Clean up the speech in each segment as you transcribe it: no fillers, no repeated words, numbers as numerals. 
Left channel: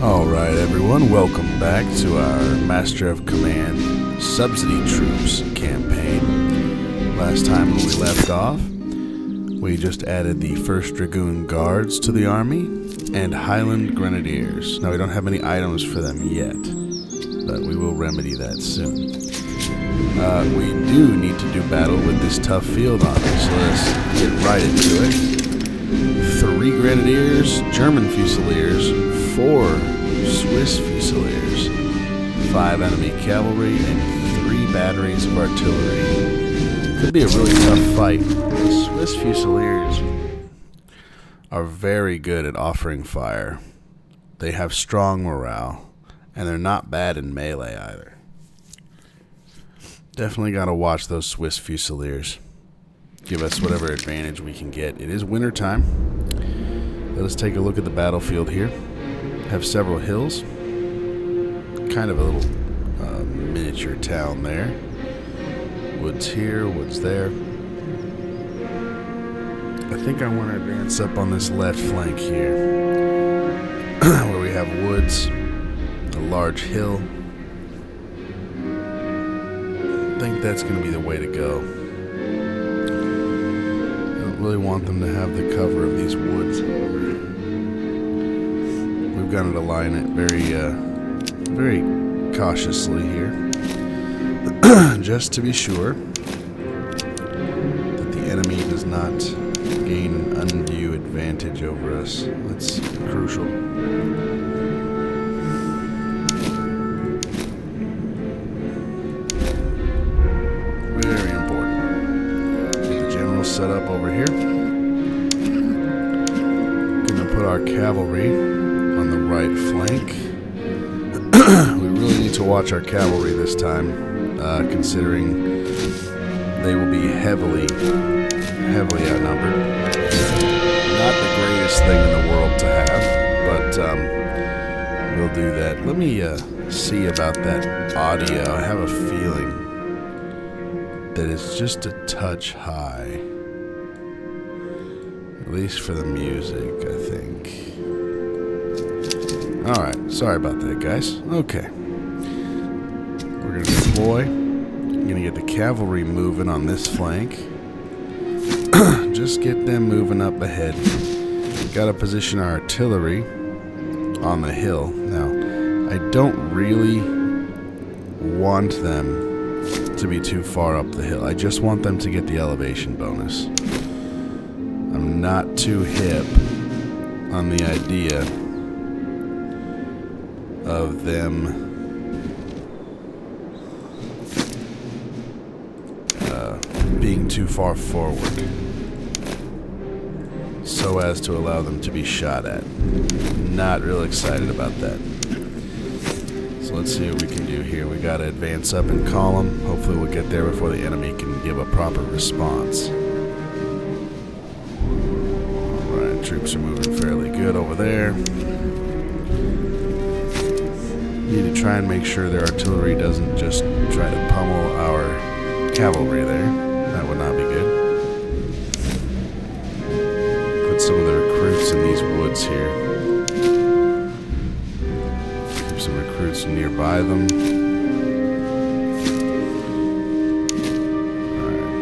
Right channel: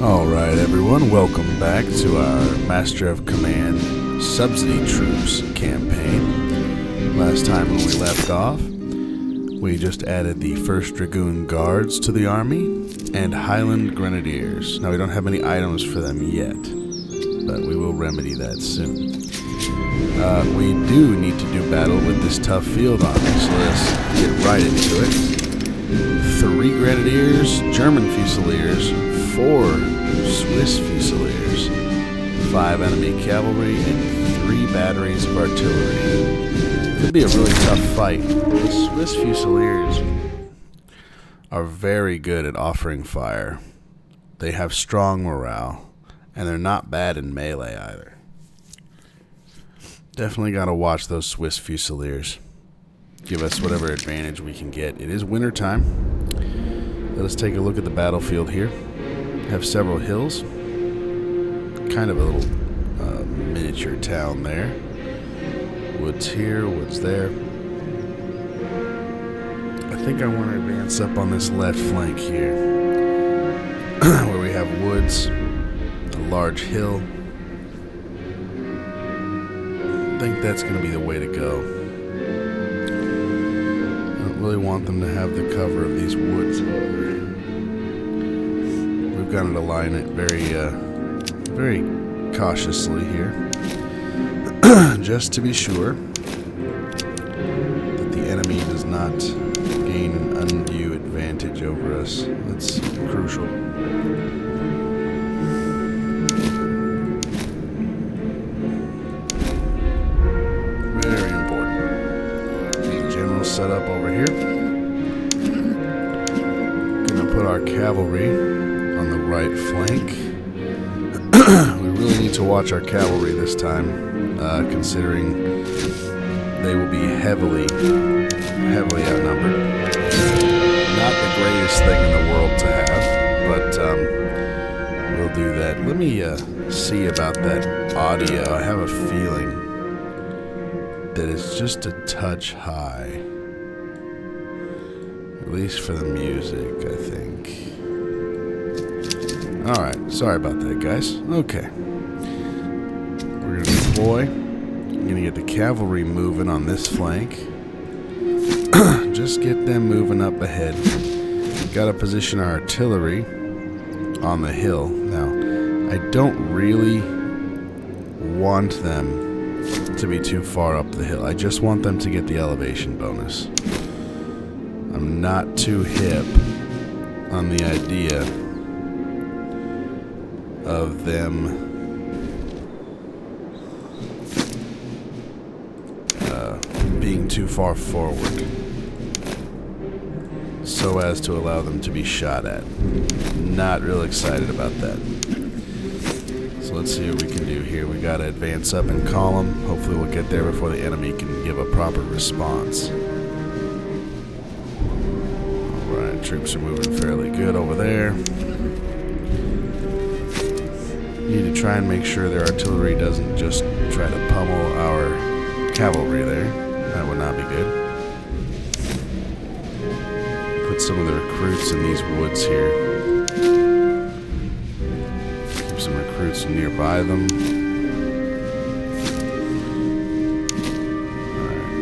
Alright everyone, welcome back to our Master of Command Subsidy Troops campaign. Last time when we left off, we just added the 1st Dragoon Guards to the army and Highland Grenadiers. Now we don't have any items for them yet, but we will remedy that soon. We do need to do battle with this tough field army, so let's get right into it. 3 Grenadiers, German Fusiliers, 4 Swiss Fusiliers, 5 enemy cavalry, and 3 batteries of artillery. Could be a really tough fight. The Swiss Fusiliers are very good at offering fire. They have strong morale, and they're not bad in melee either. Definitely gotta watch those Swiss Fusiliers. Give us whatever advantage we can get. It is winter time. Let us take a look at the battlefield here. Have several hills. Kind of a little miniature town there. Woods here, woods there. I think I want to advance up on this left flank here, where we have woods, a large hill. I think that's going to be the way to go. I don't really want them to have the cover of these woods, however. We've got to align it very cautiously here, just to be sure that the enemy does not gain an undue advantage over us. That's crucial. Very important. Get the general set up over here. Gonna put our cavalry on the right flank. We really need to watch our cavalry this time, considering they will be heavily outnumbered. Not the greatest thing in the world to have, but we'll do that. Let me see about that audio. I have a feeling that it's just a touch high. At least for the music, I think. Alright, sorry about that, guys. Okay. We're going to deploy. I'm going to get the cavalry moving on this flank. Just get them moving up ahead. Got to position our artillery on the hill. Now, I don't really want them to be too far up the hill. I just want them to get the elevation bonus. I'm not too hip on the idea of them being too far forward so as to allow them to be shot at. Not real excited about that. So let's see what we can do here. We gotta advance up in column. Hopefully we'll get there before the enemy can give a proper response. Alright, troops are moving fairly good over there. Need to try and make sure their artillery doesn't just try to pummel our cavalry there. That would not be good. Put some of the recruits in these woods here. Keep some recruits nearby them. Alright.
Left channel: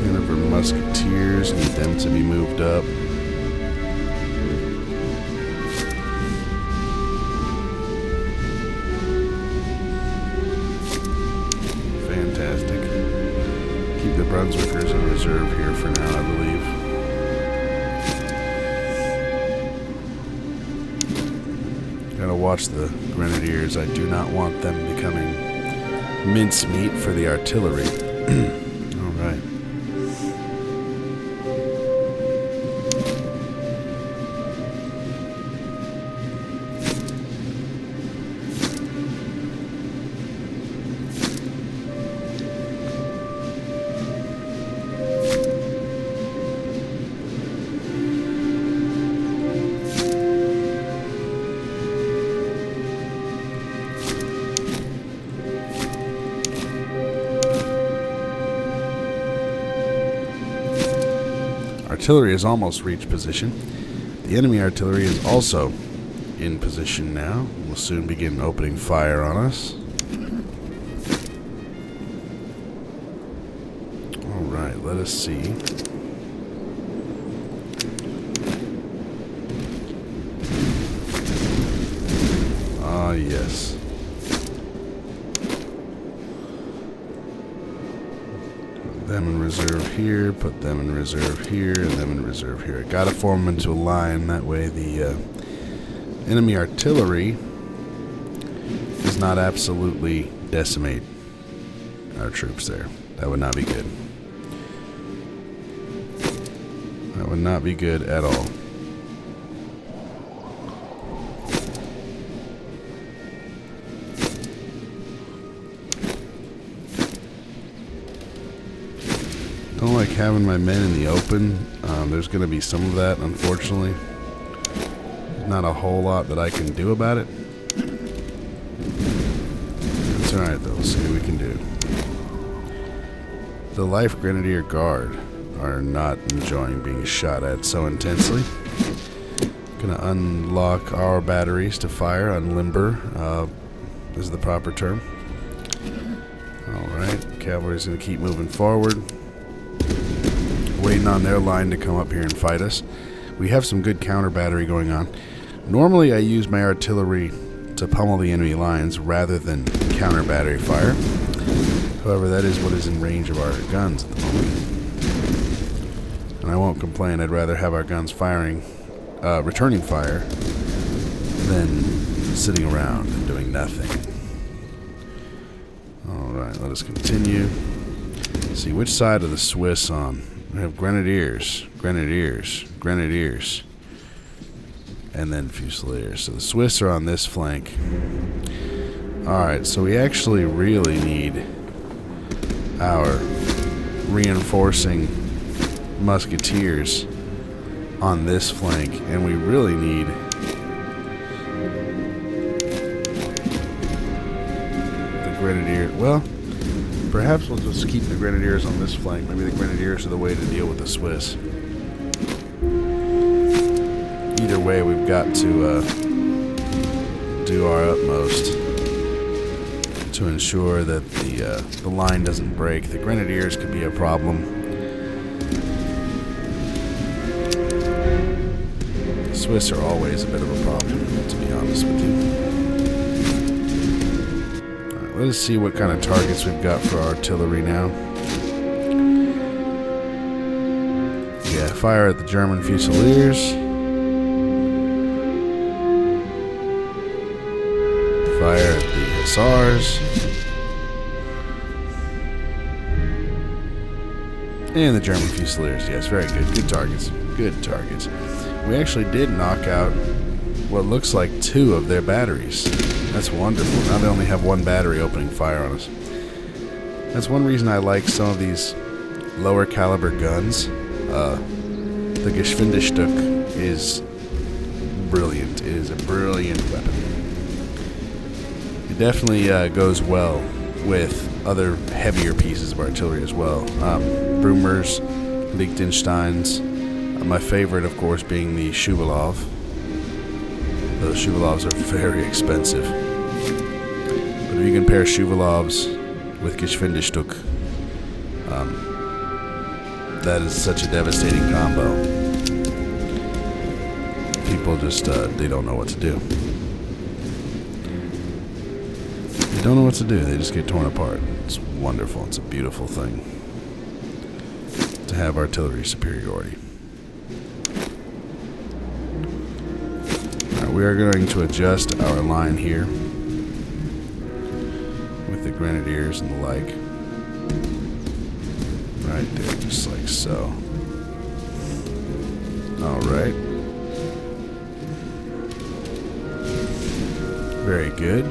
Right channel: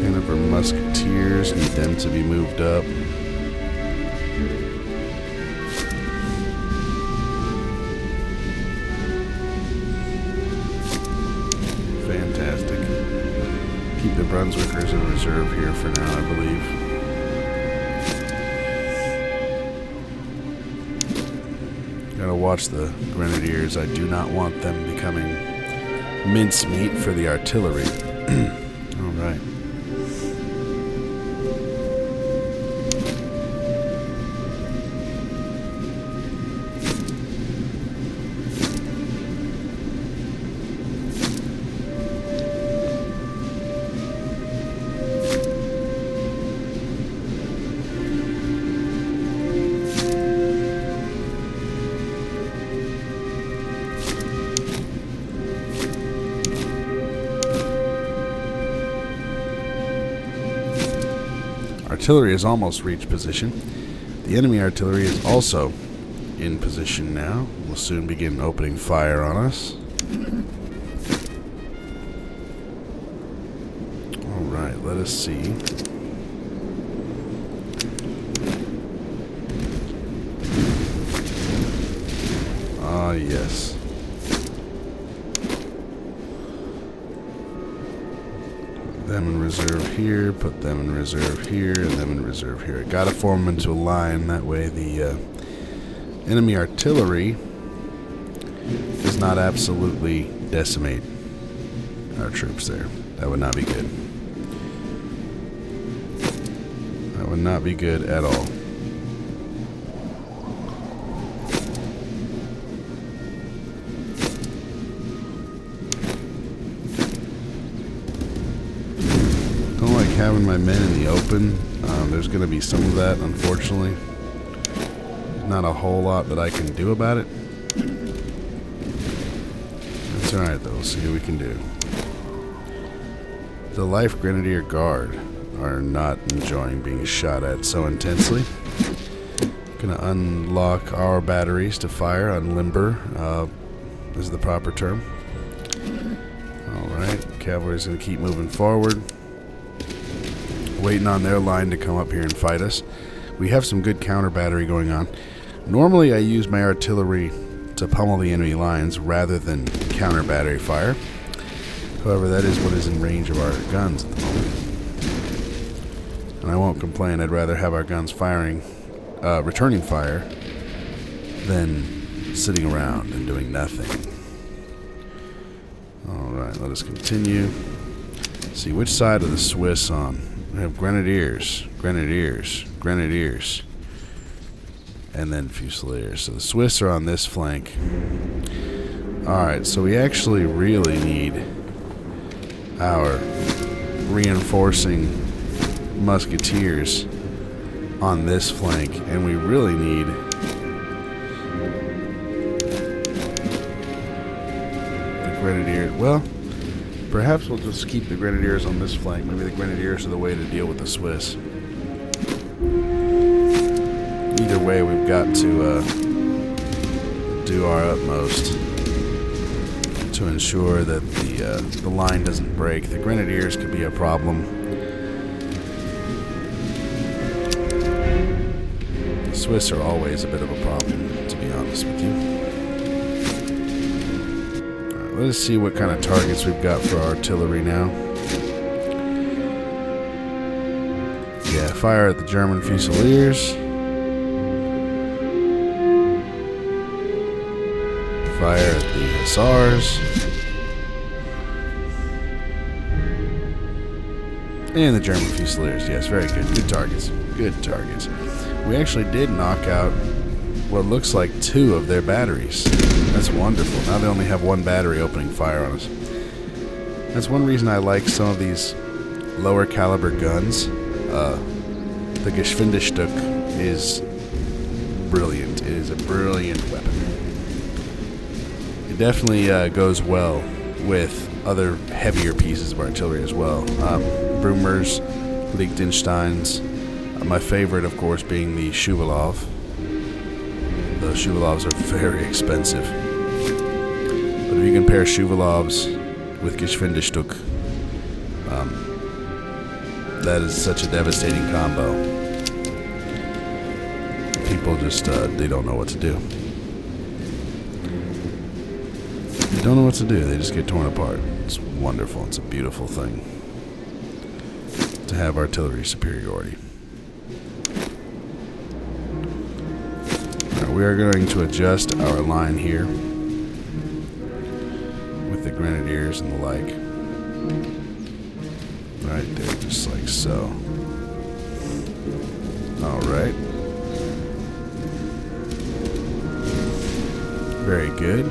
Hanover musketeers, need them to be moved up. Fantastic. Keep the Brunswickers in reserve here for now, I believe. Gotta watch the Grenadiers. I do not want them becoming mincemeat for the artillery. Alright. artillery has almost reached position. The enemy artillery is also in position now. We'll soon begin opening fire on us. Alright, let us see. Ah, yes. Put them in reserve here, put them in reserve here, and them in reserve here. Gotta form them into a line, that way the enemy artillery does not absolutely decimate our troops there. That would not be good. That would not be good at all. Don't like having my men in the open. There's going to be some of that, unfortunately. There's not a whole lot that I can do about it. That's alright, though. We'll see what we can do. The Life Grenadier Guard are not enjoying being shot at so intensely. Gonna unlock our batteries to fire, unlimber is the proper term. Alright, cavalry's gonna keep moving forward. Waiting on their line to come up here and fight us. We have some good counter battery going on. Normally I use my artillery to pummel the enemy lines rather than counter battery fire. However, that is what is in range of our guns at the moment. And I won't complain. I'd rather have our guns firing, returning fire, than sitting around and doing nothing. Alright, let us continue. See, which side are the Swiss on? We have Grenadiers, Grenadiers, Grenadiers, and then Fusiliers. So the Swiss are on this flank. Alright, so we actually really need our reinforcing musketeers on this flank, and we really need the Grenadier. Well, perhaps we'll just keep the Grenadiers on this flank. Maybe the Grenadiers are the way to deal with the Swiss. Either way, we've got to do our utmost to ensure that the line doesn't break. The Grenadiers could be a problem. The Swiss are always a bit of a problem, to be honest with you. Alright, let us see what kind of targets we've got for our artillery now. Yeah, fire at the German Fusiliers. Fire at the Hussars. And the German Fusiliers. Yes, very good. Good targets. Good targets. We actually did knock out what looks like 2 of their batteries. That's wonderful. Now they only have 1 battery opening fire on us. That's one reason I like some of these lower caliber guns. The Geschwindigstück is brilliant. It is a brilliant weapon. It definitely goes well with other heavier pieces of artillery as well. Brumers, Liechtensteins. My favorite, of course, being the Schuvalov. Those Schuvalovs are very expensive. But if you compare Schuvalovs with Geschwindigstück, that is such a devastating combo. People just, they don't know what to do. They don't know what to do. They just get torn apart. It's wonderful. It's a beautiful thing to have artillery superiority. Alright, we are going to adjust our line here with the Grenadiers and the like. Right there, just like so. Alright. Very good.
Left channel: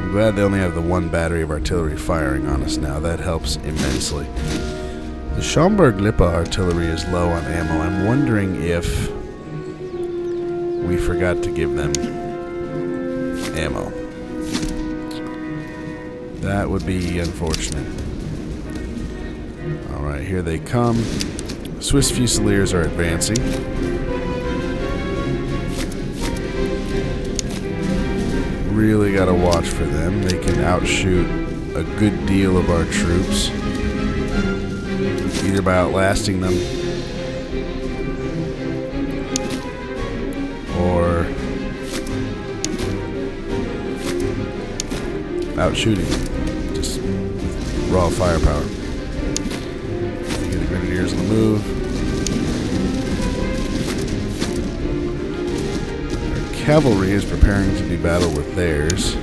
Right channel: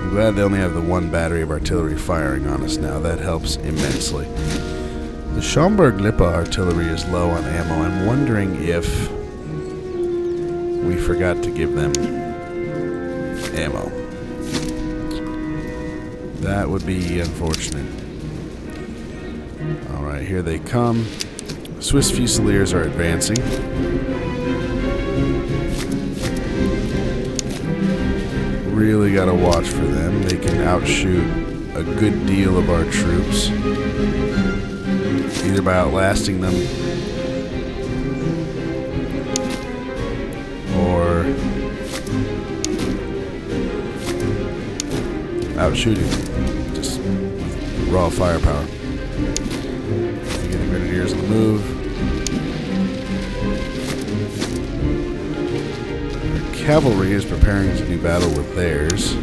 I'm glad they only have the 1 battery of artillery firing on us now. That helps immensely. The Schaumburg-Lippe artillery is low on ammo. I'm wondering if we forgot to give them ammo. That would be unfortunate. Alright, here they come. Swiss Fusiliers are advancing. Really got to watch for them. They can outshoot a good deal of our troops, either by outlasting them or outshooting them just with raw firepower. You get the Grenadiers on the move. Our cavalry is preparing to do battle with theirs.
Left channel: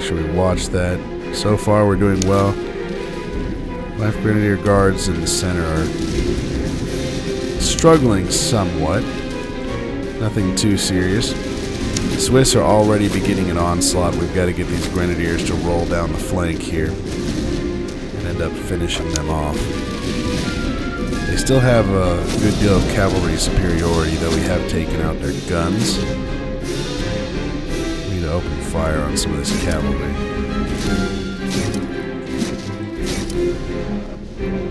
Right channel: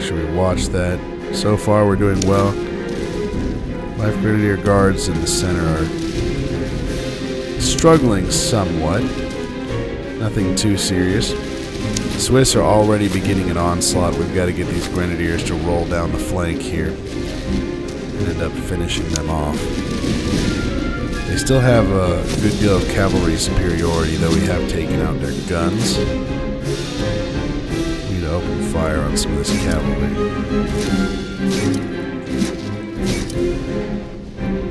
Sure we watch that. So far we're doing well. Life Grenadier Guards in the center are struggling somewhat. Nothing too serious. The Swiss are already beginning an onslaught. We've got to get these Grenadiers to roll down the flank here and end up finishing them off. They still have a good deal of cavalry superiority, though we have taken out their guns. We need to open fire on some of this cavalry.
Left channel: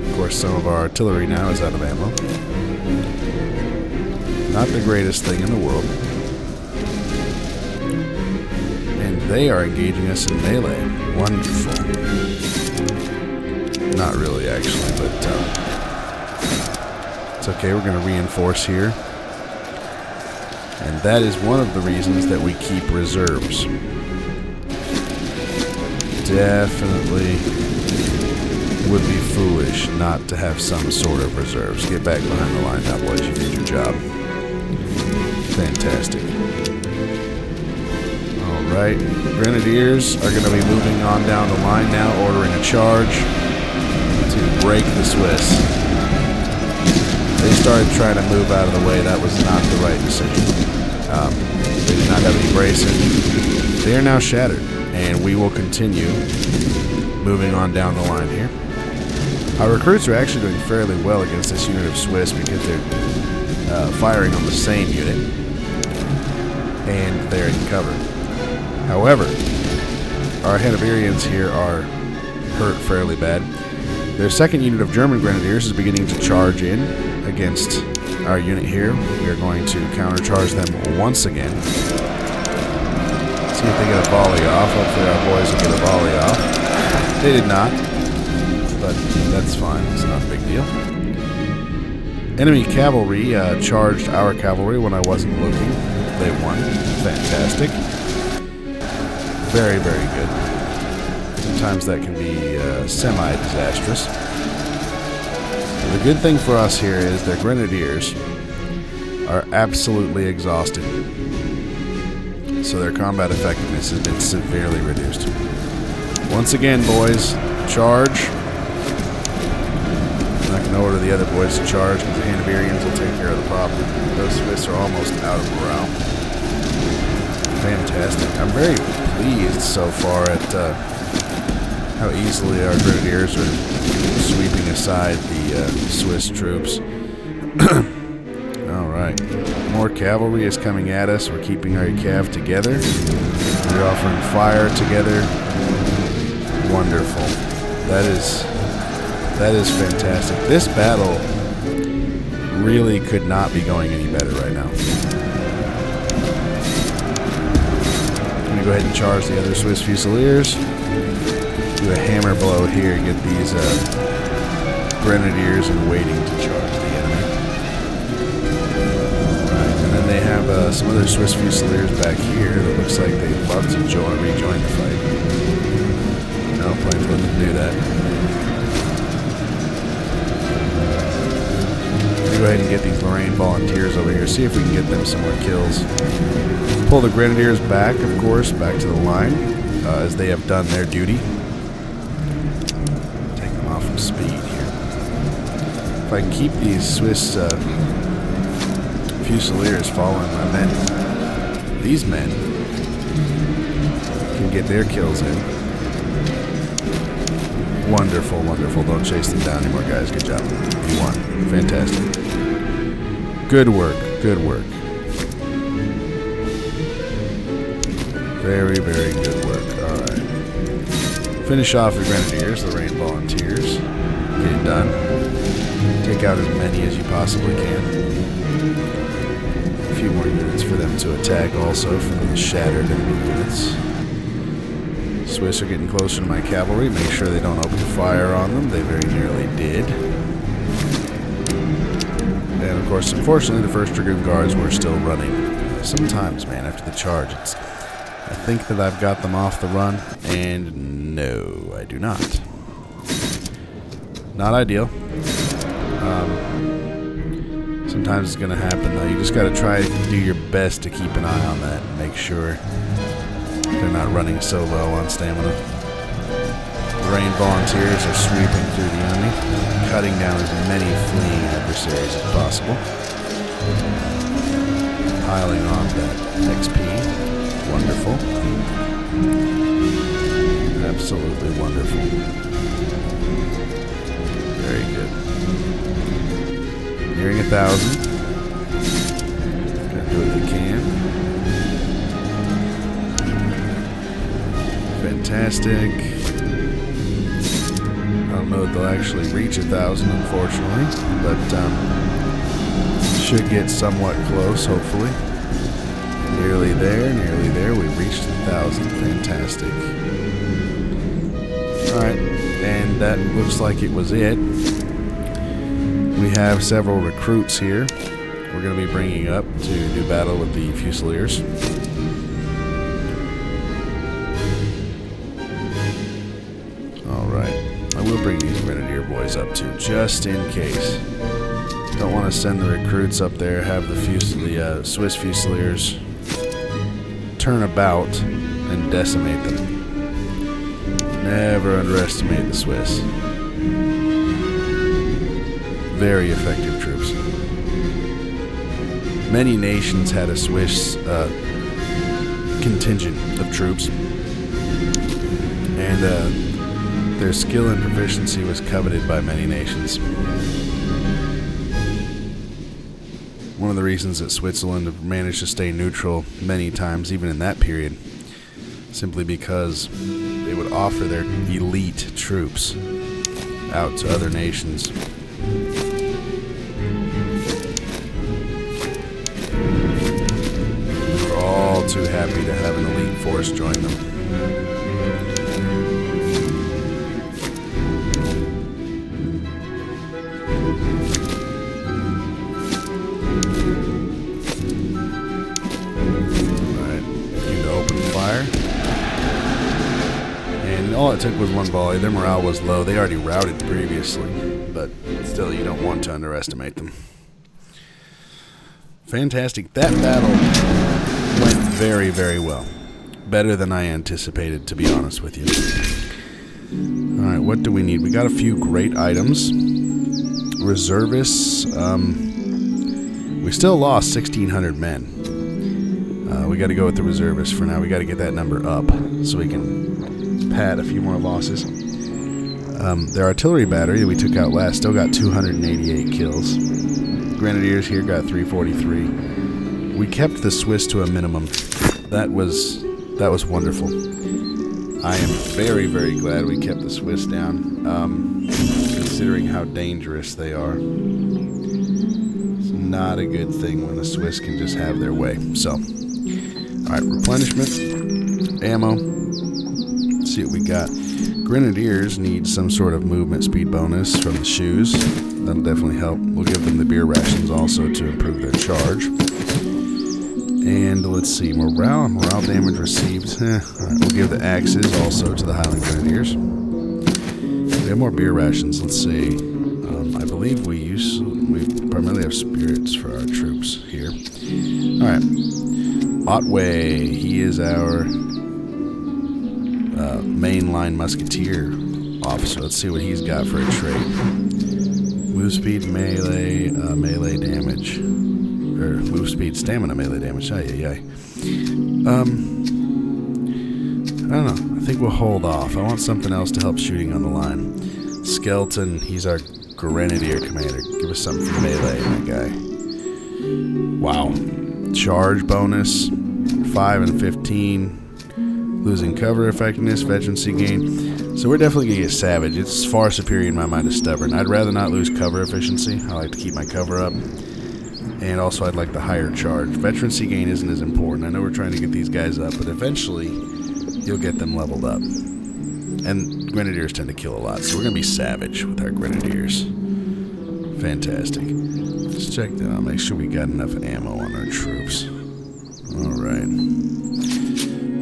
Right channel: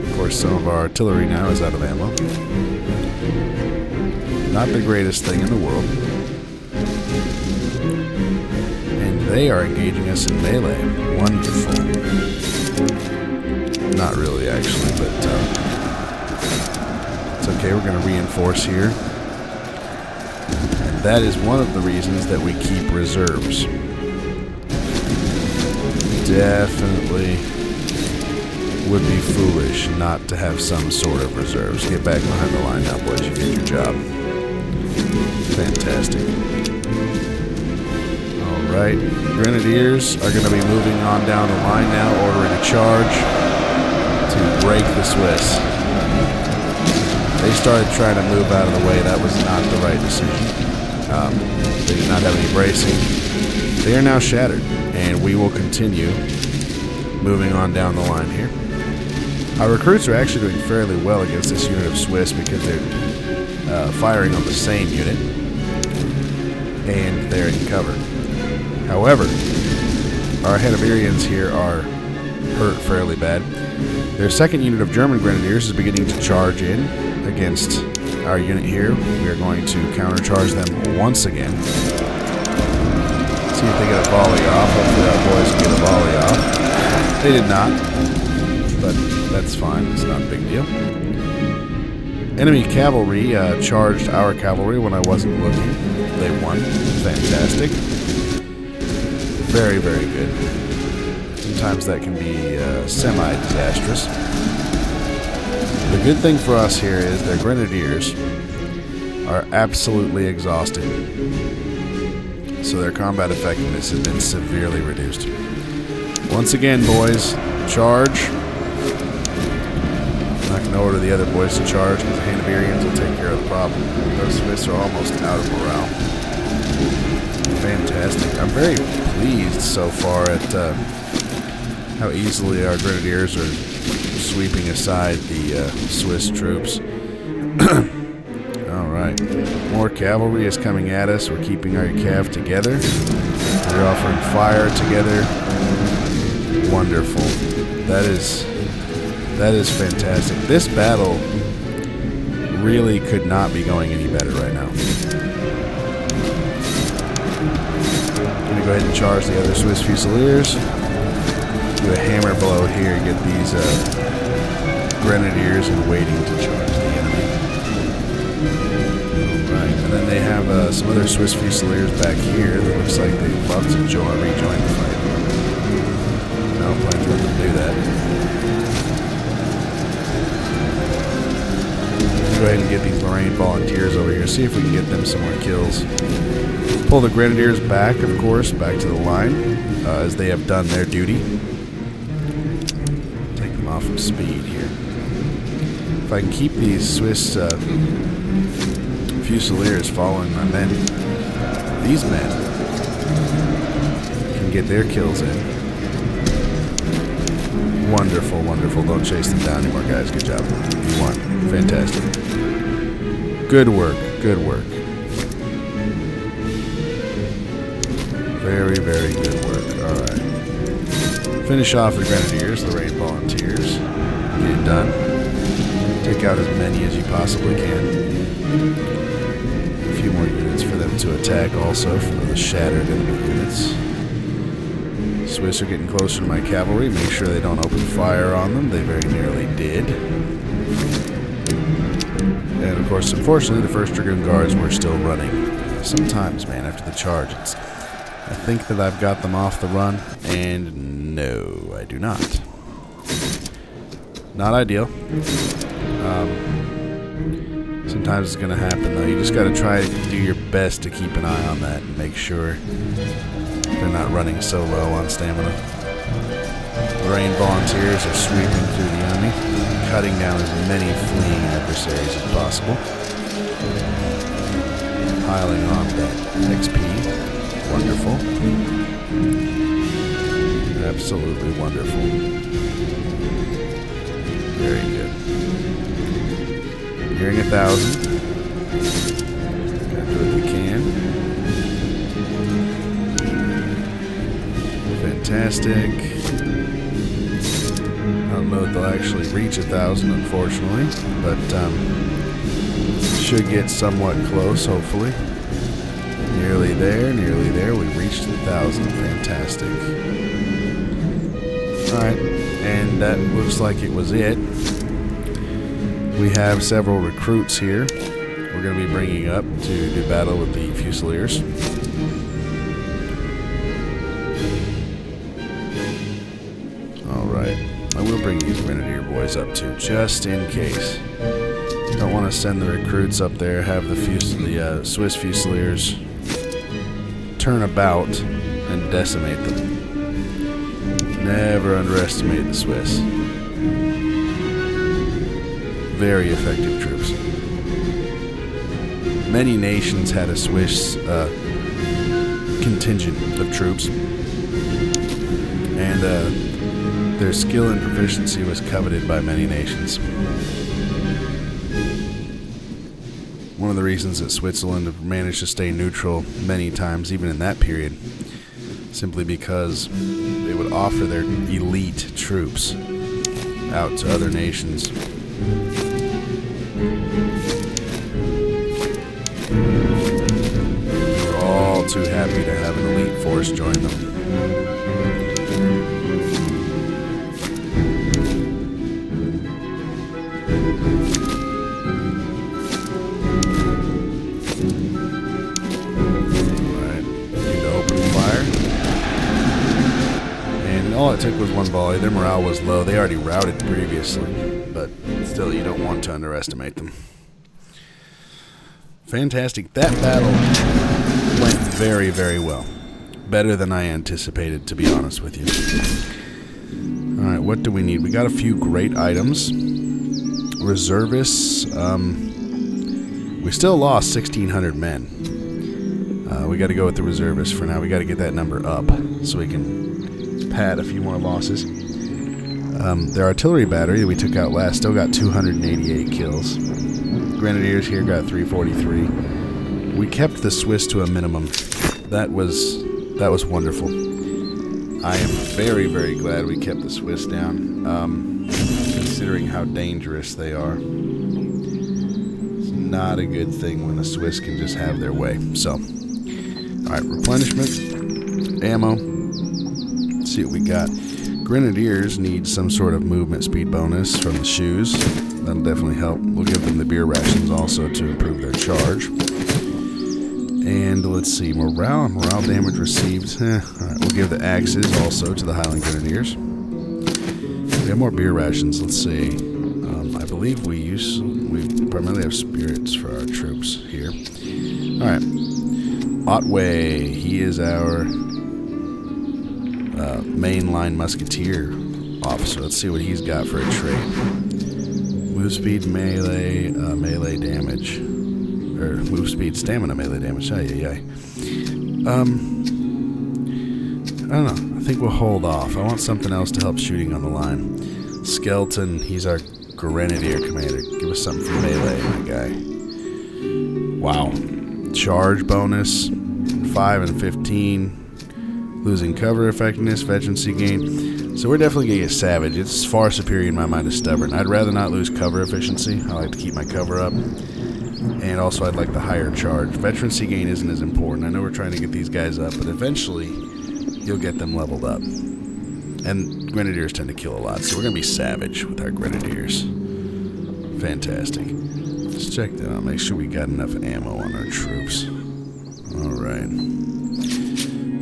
Of course, some of our artillery now is out of ammo. Not the greatest thing in the world. And they are engaging us in melee. Wonderful. Not really, actually, but it's okay. We're going to reinforce here. And that is one of the reasons that we keep reserves. Definitely would be foolish not to have some sort of reserves. Get back behind the line now, boys. You did your job. Fantastic. Alright. Grenadiers are going to be moving on down the line now, ordering a charge to break the Swiss. They started trying to move out of the way. That was not the right decision. They did not have any bracing. They are now shattered, and we will continue moving on down the line here. Our recruits are actually doing fairly well against this unit of Swiss because they're firing on the same unit, and they're in cover. However, our Hanoverians here are hurt fairly bad. Their second unit of German Grenadiers is beginning to charge in against our unit here. We are going to countercharge them once again. See if they get a volley off. Hopefully our boys will get a volley off. They did not, but that's fine. It's not a big deal. Enemy cavalry charged our cavalry when I wasn't looking. They won. Fantastic. Very, very good. Sometimes that can be semi-disastrous. The good thing for us here is their Grenadiers are absolutely exhausted. So their combat effectiveness has been severely reduced. Once again, boys, charge. I'm not going to order the other boys to charge because the Hanoverians will take care of the problem. Those Swiss are almost out of morale. Fantastic. I'm very pleased so far at how easily our Grenadiers are sweeping aside the Swiss troops. Alright. More cavalry is coming at us. We're keeping our cav together. We're offering fire together. Wonderful. That is fantastic. This battle really could not be going any better right now. I'm going to go ahead and charge the other Swiss Fusiliers. Do a hammer blow here, get these Grenadiers in waiting to charge the enemy. Alright, and then they have some other Swiss Fusiliers back here that looks like they'd love to rejoin the fight. I don't plan to let them do that. I'm going to go ahead and get these Lorraine volunteers over here, see if we can get them some more kills. Pull the Grenadiers back, of course, back to the line, as they have done their duty. Take them off of speed here. If I can keep these Swiss Fusiliers following my men, these men can get their kills in. Wonderful, wonderful. Don't chase them down anymore, guys. Good job. You won. Fantastic. Good work. Good work. Very, very good work. All right. Finish off the Grenadiers, Lorraine Volunteers. Get it done. Take out as many as you possibly can. A few more units for them to attack also for the shattered enemy units. Swiss are getting closer to my cavalry. Make sure they don't open fire on them. They very nearly did. And of course, unfortunately, the 1st Dragoon Guards were still running. Sometimes, man, after the charge, I think that I've got them off the run, and no, I do not. Not ideal. Sometimes it's going to happen, though. You just got to try to do your best to keep an eye on that and make sure they're not running so low on stamina. Lorraine Volunteers are sweeping through the enemy, cutting down as many fleeing adversaries as possible. Piling on that XP. Wonderful. Absolutely wonderful. Very good. Nearing 1,000. Gotta do what they can. Fantastic. I don't know if they'll actually reach 1,000, unfortunately, but should get somewhat close, hopefully. Nearly there, nearly there. We reached 1,000. Fantastic. Alright, and that looks like it was it. We have several recruits here we're going to be bringing up to do battle with the Fusiliers. Alright, I will bring these Grenadier boys up too, just in case. Don't want to send the recruits up there, have the Swiss Fusiliers turn about and decimate them. Never underestimate the Swiss. Very effective troops. Many nations had a Swiss contingent of troops, and their skill and proficiency was coveted by many nations. One of the reasons that Switzerland managed to stay neutral many times, even in that period, simply because they would offer their elite troops out to other nations. They were all too happy to have an elite force join them. To open fire, and all it took was one volley. Their morale was low. They already routed previously, but still, you don't want to underestimate them. Fantastic. That battle went very, very well. Better than I anticipated, to be honest with you. Alright, what do we need? We got a few great items. Reservists. We still lost 1,600 men. We got to go with the reservists for now. We got to get that number up so we can pad a few more losses. Their artillery battery that we took out last still got 288 kills. Grenadiers here got 343. We kept the Swiss to a minimum. That was wonderful. I am very, very glad we kept the Swiss down, considering how dangerous they are. It's not a good thing when the Swiss can just have their way. So. Alright, replenishment, ammo. Let's see what we got. Grenadiers need some sort of movement speed bonus from the shoes. That'll definitely help. We'll give them the beer rations also to improve their charge. And let's see, morale damage received. Alright, we'll give the axes also to the Highland Grenadiers. We have more beer rations. Let's see. I believe we primarily have spirits for our troops here. Alright. Otway, he is our mainline musketeer officer. Let's see what he's got for a trait. Move speed, melee, melee damage. Or move speed, stamina, melee damage. I don't know. I think we'll hold off. I want something else to help shooting on the line. Skeleton, he's our Grenadier commander. Give us something for melee, my guy. Wow. Charge bonus, 5 and 15. Losing cover effectiveness, veterancy gain. So we're definitely going to get Savage. It's far superior in my mind to Stubborn. I'd rather not lose cover efficiency. I like to keep my cover up. And also I'd like the higher charge. Veterancy gain isn't as important. I know we're trying to get these guys up, but eventually you'll get them leveled up. And Grenadiers tend to kill a lot, so we're going to be Savage with our Grenadiers. Fantastic. Let's check that out. Make sure we got enough ammo on our troops. Alright.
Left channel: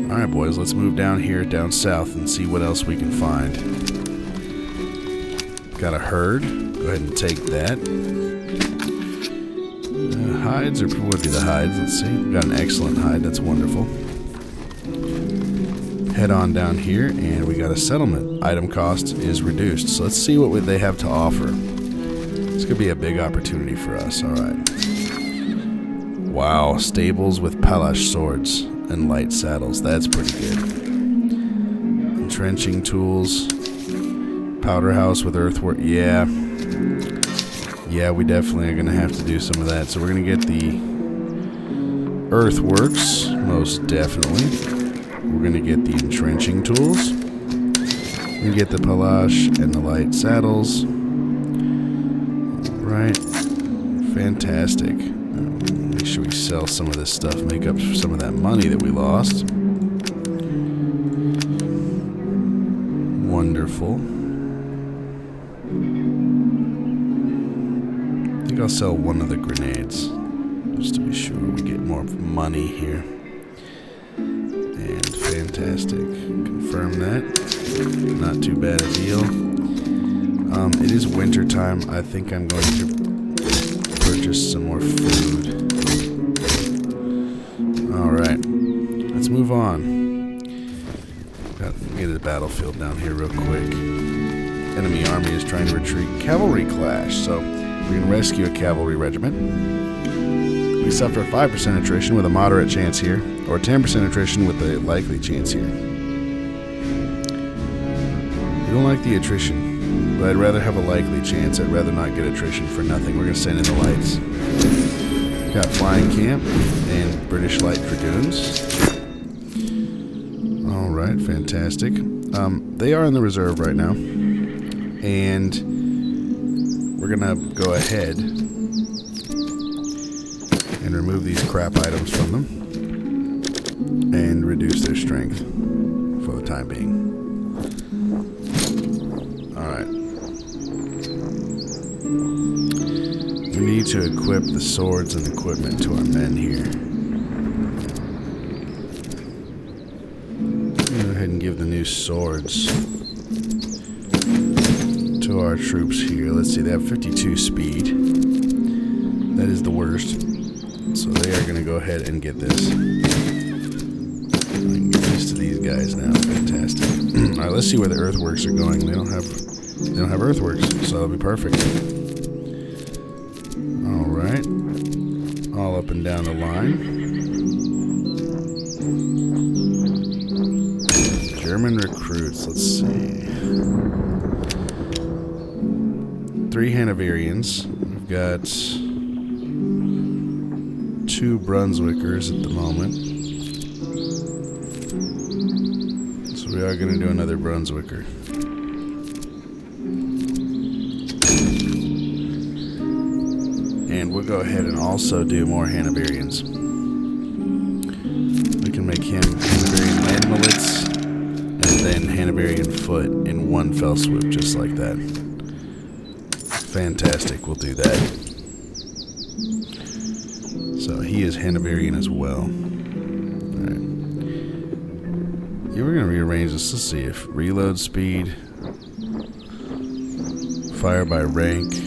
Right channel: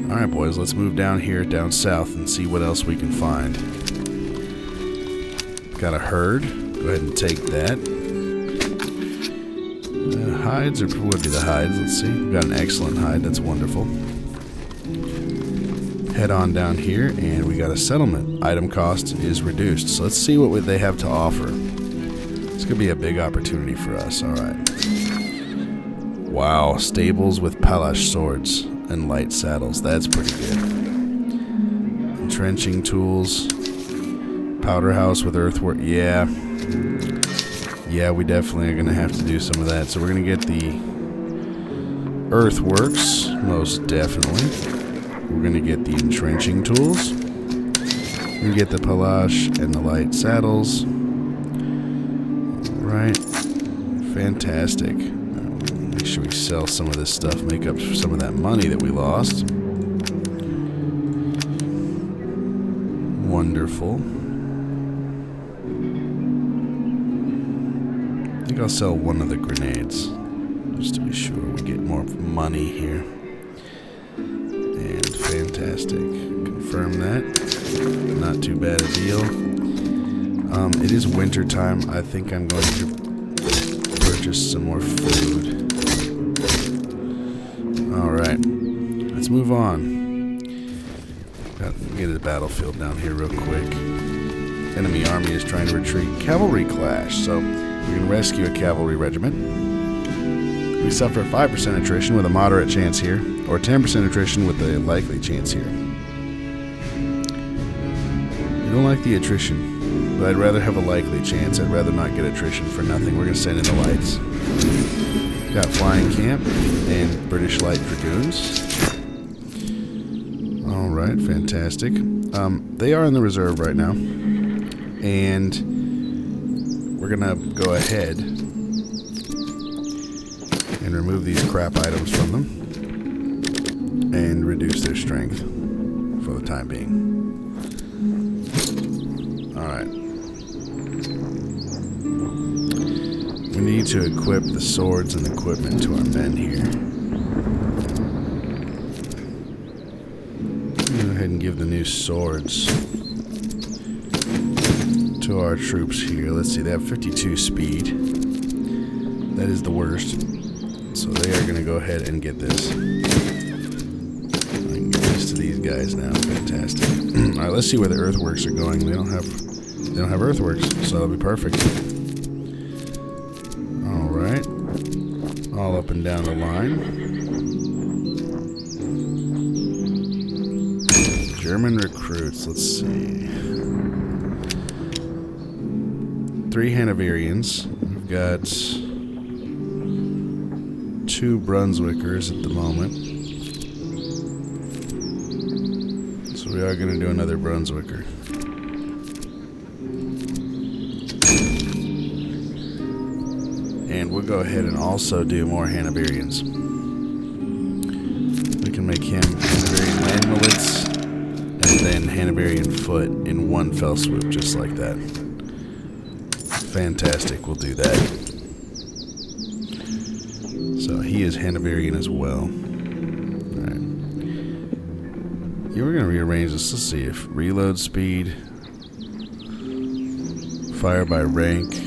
Alright, boys. Let's move down here, down south, and see what else we can find. Got a herd. Go ahead and take that. Hides, or what would be the hides? Let's see. We've got an excellent hide. That's wonderful. Head on down here, and we got a settlement. Item cost is reduced. So let's see what they have to offer. This could be a big opportunity for us. Alright. Wow. Stables with palash swords and light saddles. That's pretty good. Entrenching tools. Powder house with earthwork. Yeah. Yeah, we definitely are going to have to do some of that. So we're going to get the earthworks, most definitely. We're going to get the entrenching tools. We get the palash and the light saddles. Alright. Fantastic. Make sure we sell some of this stuff, make up some of that money that we lost. Wonderful. I think I'll sell one of the grenades, just to be sure we get more money here. And fantastic. Confirm that. Not too bad a deal. It is winter time. I think I'm going to purchase some more food. Alright. Let's move on. Got to get to the battlefield down here real quick. Enemy army is trying to retreat. Cavalry clash. So we can rescue a cavalry regiment. We suffer 5% attrition with a moderate chance here, or 10% attrition with a likely chance here. We don't like the attrition, but I'd rather have a likely chance. I'd rather not get attrition for nothing. We're going to send in the lights. Got Flying Camp and British Light Dragoons. Alright, fantastic. They are in the reserve right now. And we're going to go ahead and remove these crap items from them and reduce their strength for the time being. Alright. We need to equip the swords and equipment to our men here. Go ahead and give the new swords to our troops here. Let's see, they have 52 speed. That is the worst. So they are going to go ahead and get this. I can get this to these guys now. Fantastic. Alright, let's see where the earthworks are going. They don't have earthworks, so that'll be perfect. Alright. All up and down the line. German recruits, let's see. 3 Hanoverians. We've got 2 Brunswickers at the moment. So we are going to do another Brunswicker. And we'll go ahead and also do more Hanoverians. We can make him Hanoverian land millets and then Hanoverian foot in one fell swoop, just like that. Fantastic, we'll do that. So he is Hanoverian as well. Alright. Yeah, we're going to rearrange this. Let's see if reload speed, fire by rank.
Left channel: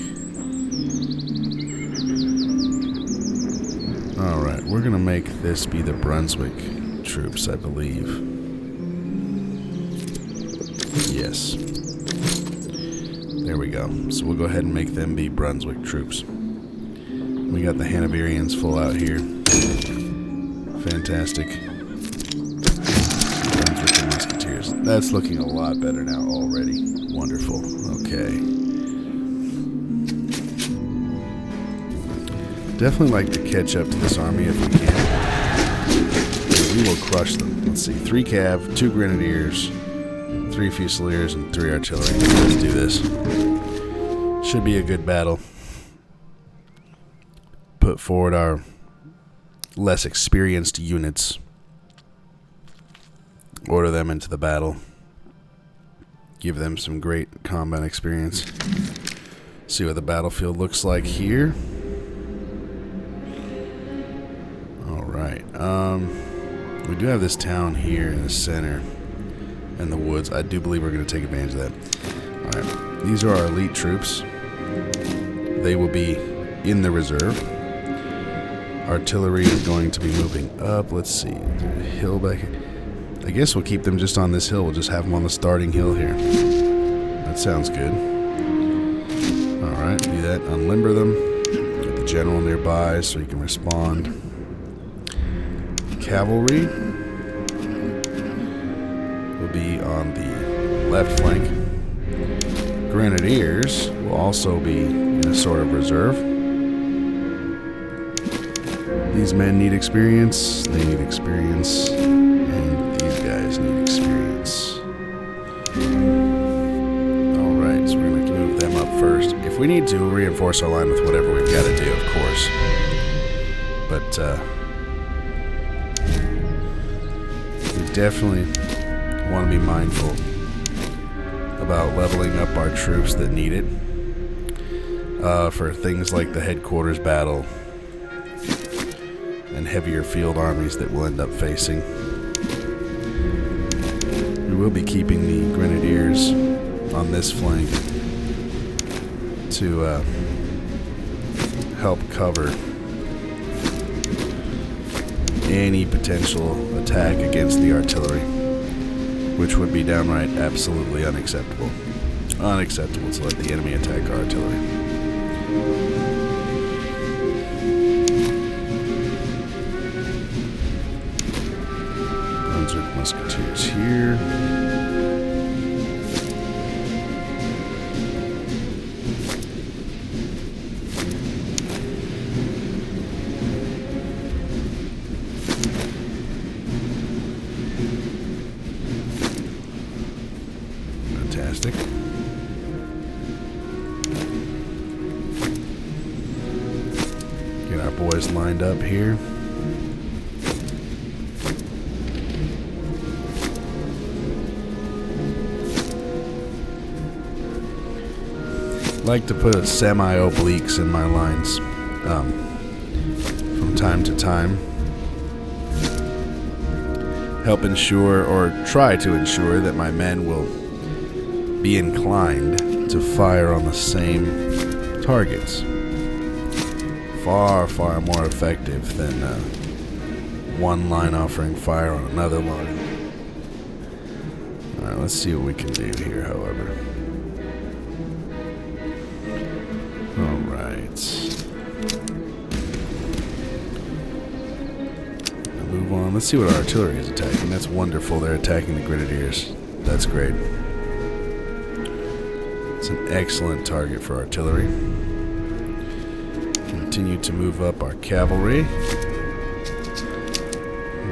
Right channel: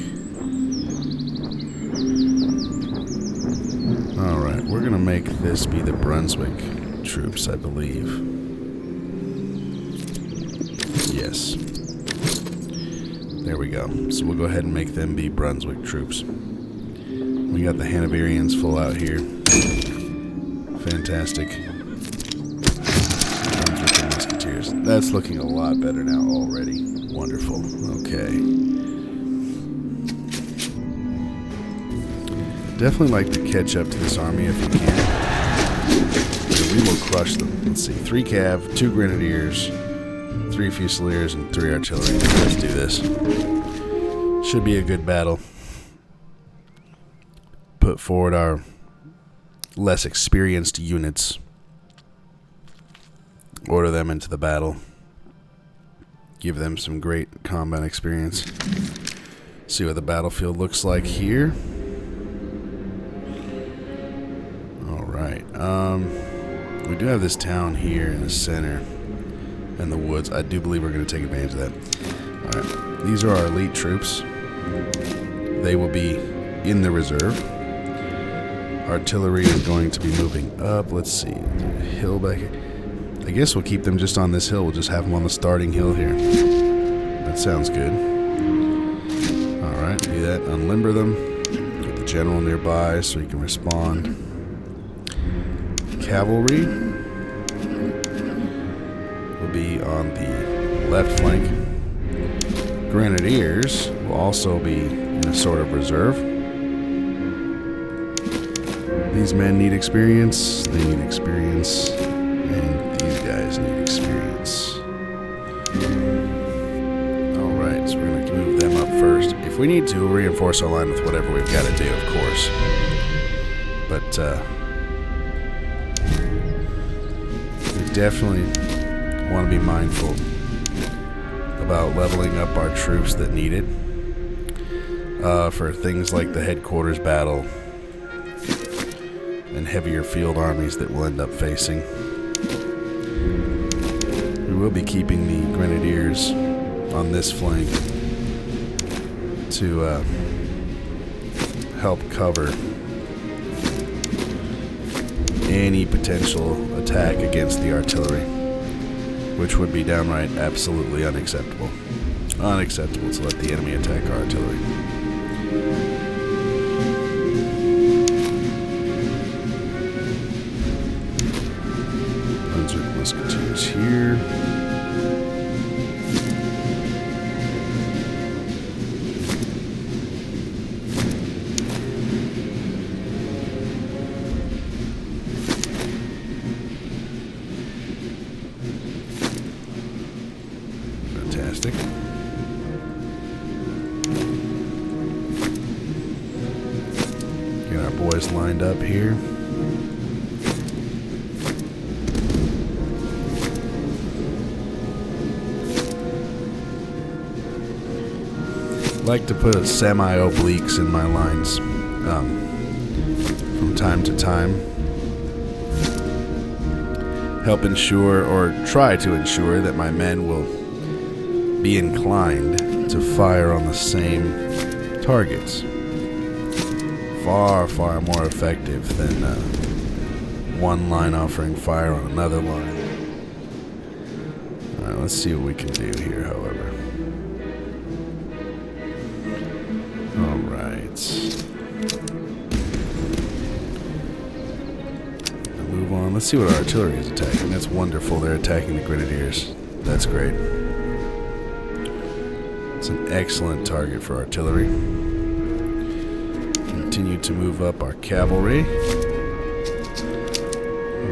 Alright, we're going to make this be the Brunswick troops, I believe. Yes. There we go. So we'll go ahead and make them be Brunswick troops. We got the Hanoverians full out here. Fantastic. Brunswick and musketeers. That's looking a lot better now already. Wonderful. Okay. Definitely like to catch up to this army if we can. And we will crush them. Let's see. 3 cav, 2 grenadiers, 3 fusiliers, and 3 artillery. Let's do this. Should be a good battle. Put forward our less experienced units. Order them into the battle. Give them some great combat experience. See what the battlefield looks like here. Alright. We do have this town here in the center. And the woods. I do believe we're going to take advantage of that. Alright. These are our elite troops. They will be in the reserve. Artillery is going to be moving up. Let's see. Is there a hill back here? I guess we'll keep them just on this hill. We'll just have them on the starting hill here. That sounds good. Alright, do that. Unlimber them. Get the general nearby so he can respond. Cavalry will be on the left flank. Grenadiers will also be in a sort of reserve. These men need experience. They need experience. And these guys need experience. Alright, so we're going to move them up first. If we need to, we'll reinforce our line with whatever we've got to do, of course. But, we definitely want to be mindful about leveling up our troops that need it. For things like the headquarters battle and heavier field armies that we'll end up facing. We will be keeping the grenadiers on this flank to help cover any potential attack against the artillery, which would be downright absolutely unacceptable. Unacceptable to let the enemy attack our artillery. Brunswick musketeers here. Fantastic. Get our boys lined up here. Like to put semi-obliques in my lines from time to time. Help ensure, or try to ensure, that my men will be inclined to fire on the same targets. Far, far more effective than one line offering fire on another line. Alright, let's see what we can do here, however. Alright. Now move on. Let's see what our artillery is attacking. That's wonderful. They're attacking the grenadiers. That's great. It's an excellent target for artillery. Continue to move up our cavalry.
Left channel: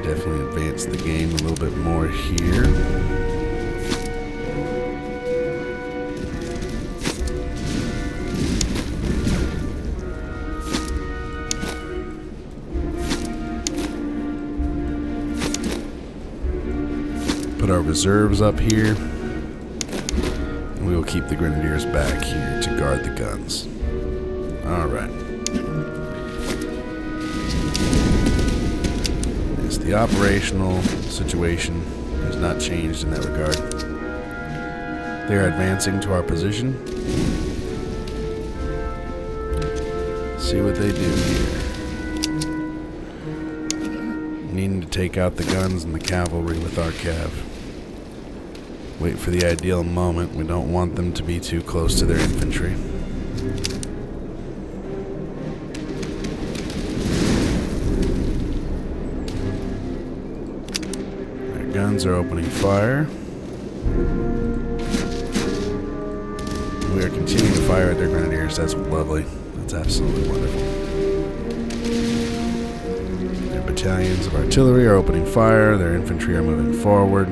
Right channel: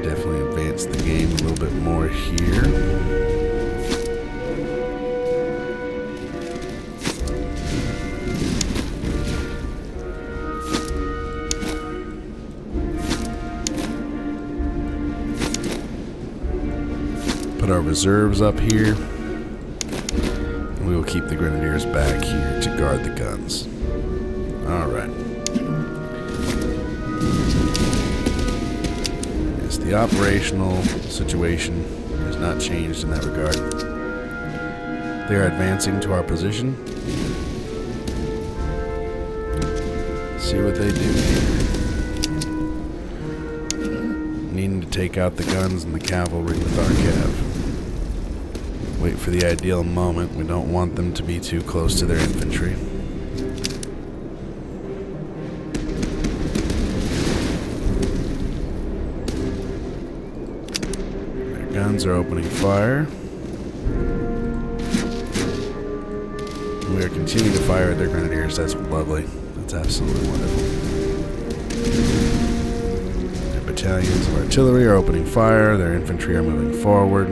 Definitely advance the game a little bit more here. Put our reserves up here, and we will keep the grenadiers back here to guard the guns. Alright. Yes, the operational situation has not changed in that regard. They are advancing to our position. See what they do here. Needing to take out the guns and the cavalry with our cav. Wait for the ideal moment. We don't want them to be too close to their infantry. Their guns are opening fire. We are continuing to fire at their grenadiers. That's lovely. That's absolutely wonderful. Their battalions of artillery are opening fire. Their infantry are moving forward.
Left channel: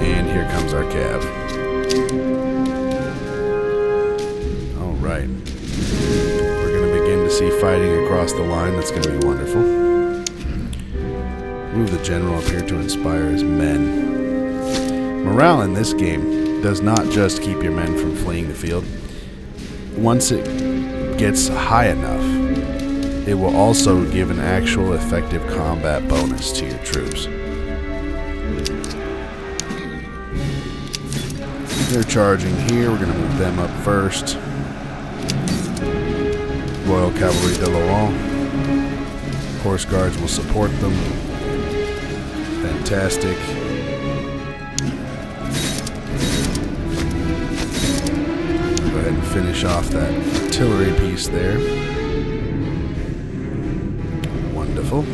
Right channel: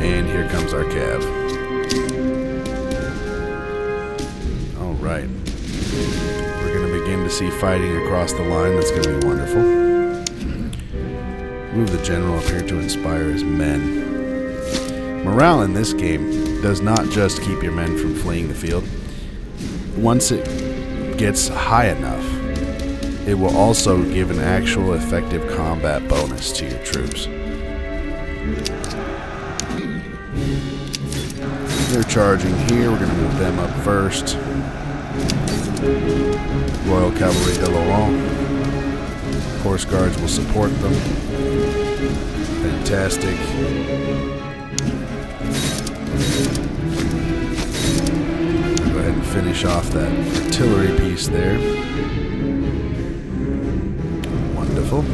And here comes our cav. Alright. We're going to begin to see fighting across the line. That's going to be wonderful. Move the general up here to inspire his men. Morale in this game does not just keep your men from fleeing the field. Once it gets high enough, it will also give an actual effective combat bonus to your troops. They're charging here. We're going to move them up first. Royal Cavalry de Laurent. Horse Guards will support them. Fantastic. I'll go ahead and finish off that artillery piece there. Wonderful.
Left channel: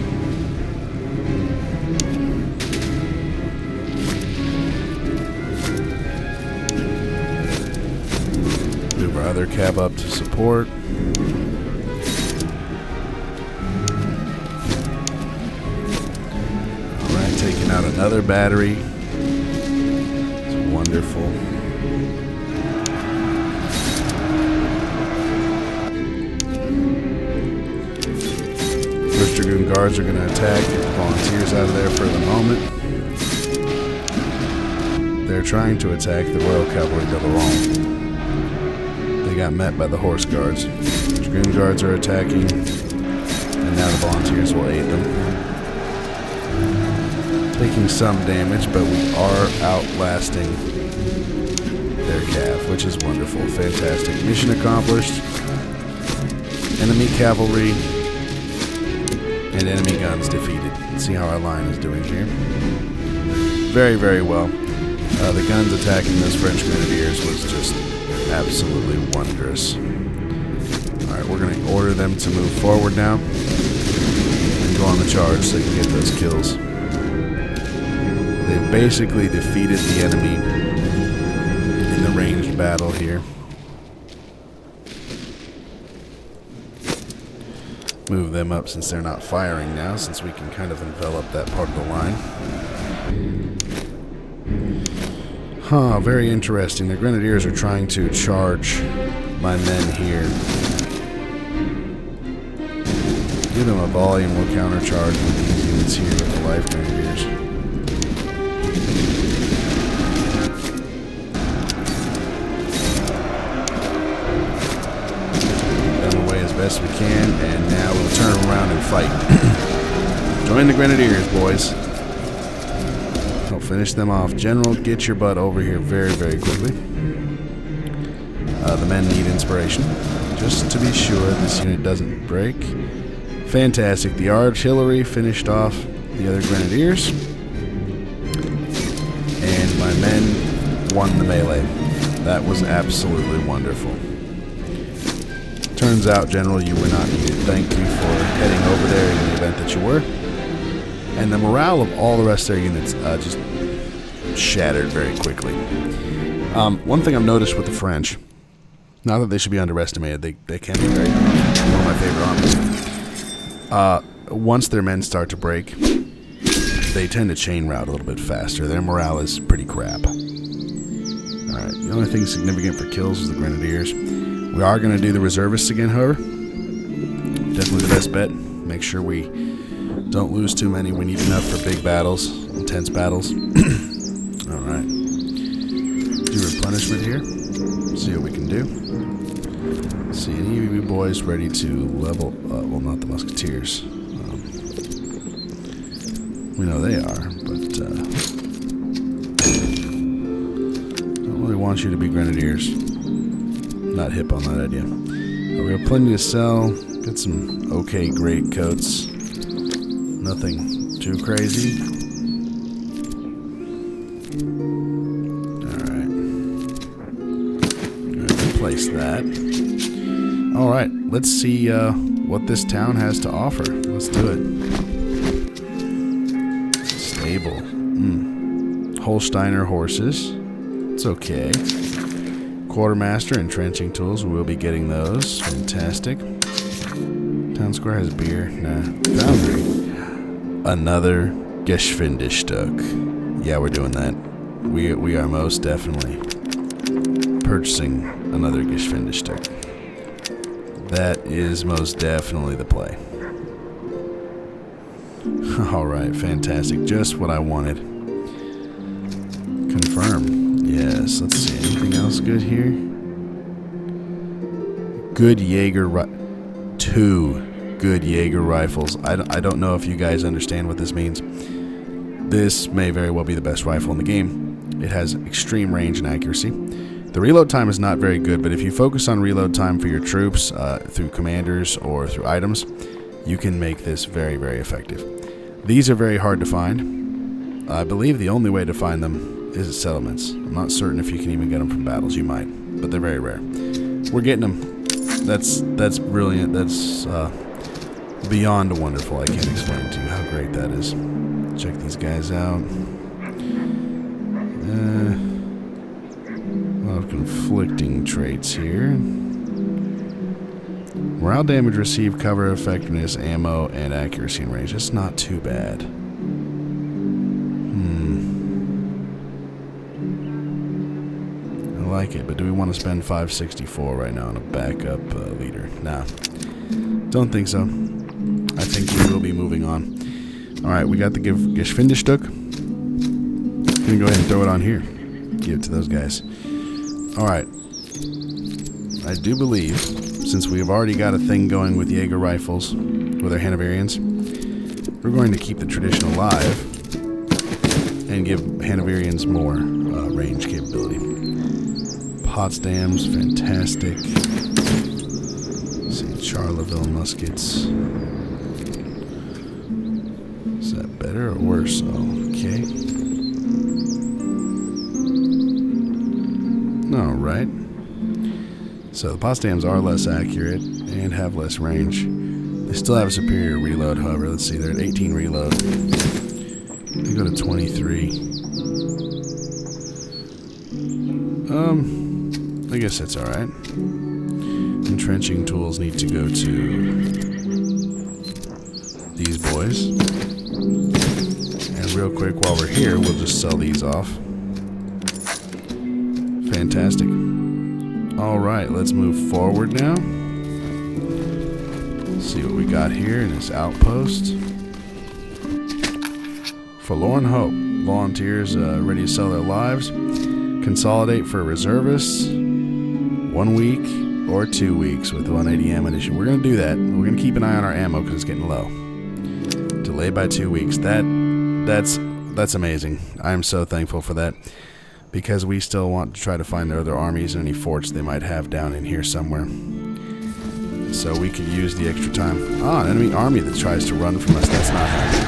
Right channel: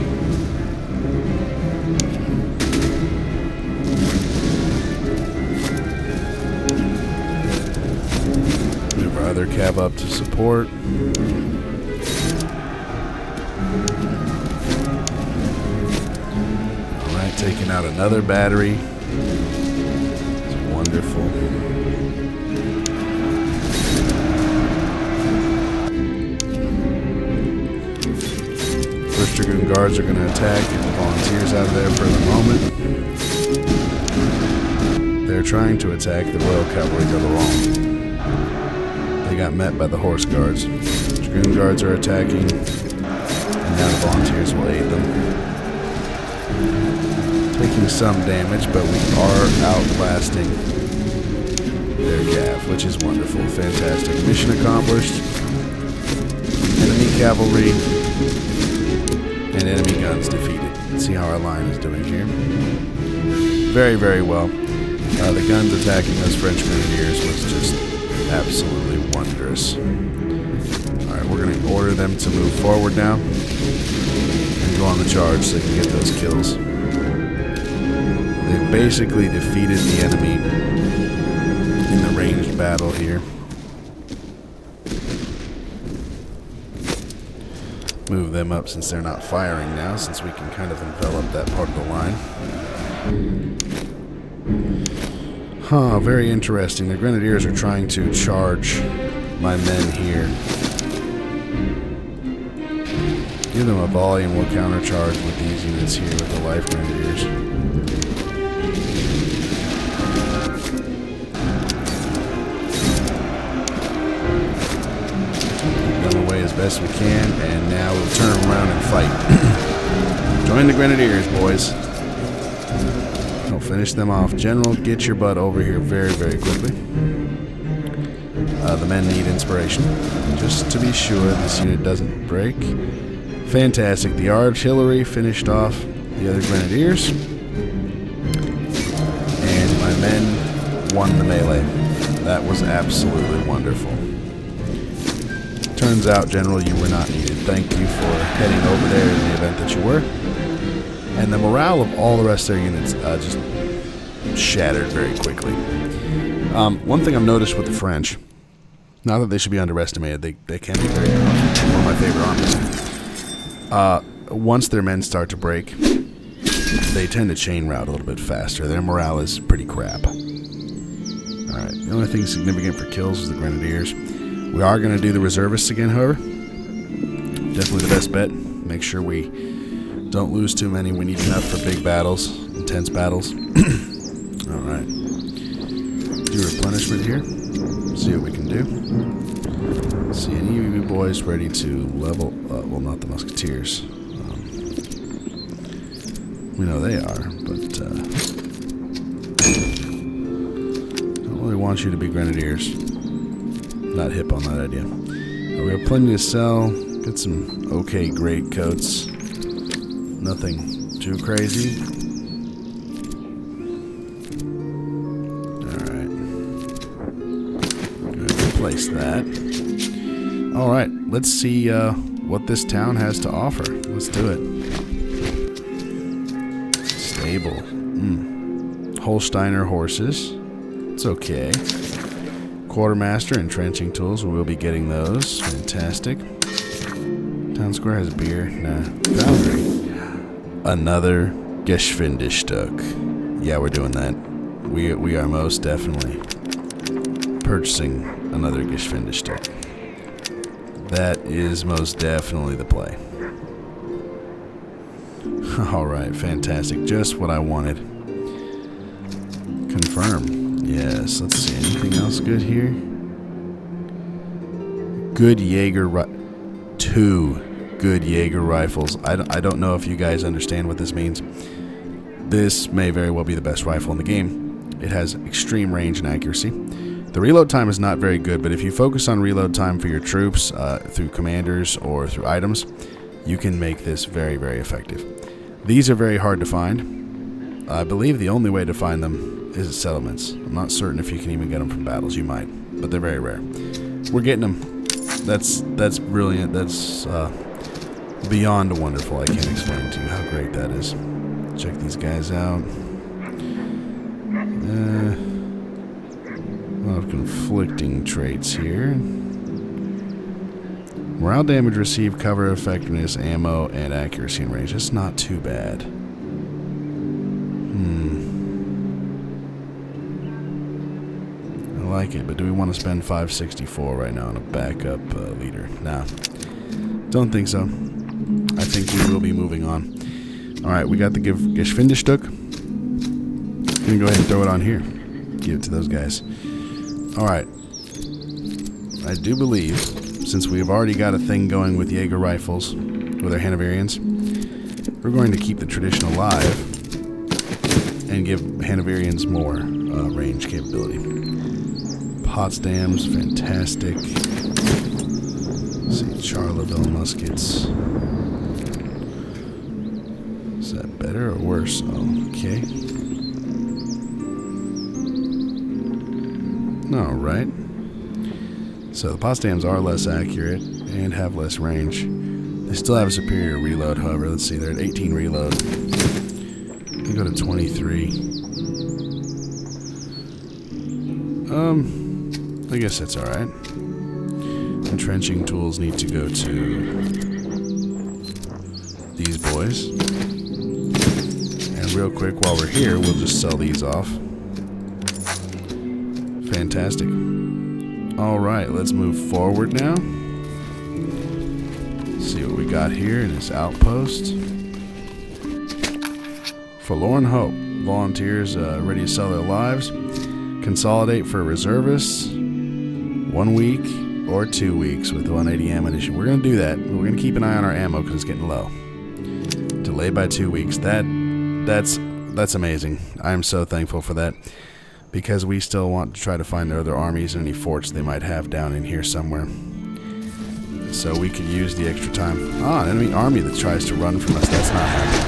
Move our other cav up to support. Alright, taking out another battery. It's wonderful. First Dragoon Guards are going to attack. Get the volunteers out of there for the moment. They're trying to attack the Royal Cavalry de Laurent. They got met by the Horse Guards. Dragoon Guards are attacking, and now the volunteers will aid them. Taking some damage, but we are outlasting their cav, which is wonderful. Fantastic. Mission accomplished. Enemy cavalry and enemy guns defeated. Let's see how our line is doing here. Very, very well. The guns attacking those French grenadiers was just absolutely wondrous. Alright, we're going to order them to move forward now and go on the charge so they can get those kills. They've basically defeated the enemy in the ranged battle here. Move them up since they're not firing now, since we can kind of envelop that part of the line. Huh, very interesting. The Grenadiers are trying to charge my men here. Give them a volume, we'll countercharge with these units here with the Life Grenadiers. Keep them away as best we can, and now we'll turn around and fight. Join the Grenadiers, boys. I'll finish them off. General, get your butt over here very, very quickly. The men need inspiration. Just to be sure this unit doesn't break. Fantastic. The artillery finished off the other grenadiers. And my men won the melee. That was absolutely wonderful. Turns out, General, you were not needed. Thank you for heading over there in the event that you were. And the morale of all the rest of their units just shattered very quickly. One thing I've noticed with the French, not that they should be underestimated, they can be very one of my favorite armies. Once their men start to break, they tend to chain route a little bit faster. Their morale is pretty crap. Alright, the only thing significant for kills is the Grenadiers. We are going to do the Reservists again, however. Definitely the best bet. Make sure we don't lose too many. We need enough for big battles, intense battles. Alright. Do replenishment here. See what we can do. See any of you boys ready to level up. Well, not the Musketeers. We know they are, but don't really want you to be Grenadiers. Not hip on that idea. We have plenty to sell. Get some okay great coats. Nothing too crazy. Alright. Going to replace that. Alright, let's see what this town has to offer. Let's do it. Stable. Holsteiner horses. It's okay. Quartermaster entrenching tools. We will be getting those. Fantastic. Town square has beer. Nah. Foundry. Another Geschwindigstück. Yeah, we're doing that. We are most definitely purchasing another Geschwindigstück. That is most definitely the play. Alright, fantastic. Just what I wanted. Confirm. Yes, let's see. Anything else good here? Good Jaeger 2 good Jaeger rifles. I don't know if you guys understand what this means. This may very well be the best rifle in the game. It has extreme range and accuracy. The reload time is not very good, but if you focus on reload time for your troops through commanders or through items, you can make this very, very effective. These are very hard to find. I believe the only way to find them is at settlements. I'm not certain if you can even get them from battles. You might, but they're very rare. We're getting them. That's brilliant. That's beyond wonderful. I can't explain to you how great that is. Check these guys out. A lot of conflicting traits here. Morale damage received, cover effectiveness, ammo, and accuracy and range. It's not too bad. I like it, but do we want to spend 564 right now on a backup leader? Nah. Don't think so. I think we will be moving on. Alright, we got the Geschwindigstück. Gonna go ahead and throw it on here. Give it to those guys. Alright. I do believe, since we have already got a thing going with Jaeger rifles, with our Hanoverians, we're going to keep the tradition alive and give Hanoverians more range capability. Potsdams, fantastic. Let's see, Charleville muskets. Is that better or worse? Okay. Alright. So the Potsdams are less accurate and have less range. They still have a superior reload, however. Let's see, they're at 18 reload. They go to 23. I guess that's alright. Entrenching tools need to go to these boys. And real quick, while we're here, we'll just sell these off. Fantastic. Alright, let's move forward now. See what we got here in this outpost. Forlorn Hope. Volunteers ready to sell their lives. Consolidate for reservists. 1 week or 2 weeks with 180 ammunition. We're going to do that. We're going to keep an eye on our ammo because it's getting low. Delay by 2 weeks. That's amazing. I am so thankful for that. Because we still want to try to find their other armies and any forts they might have down in here somewhere. So we could use the extra time. An enemy army that tries to run from us. That's not happening.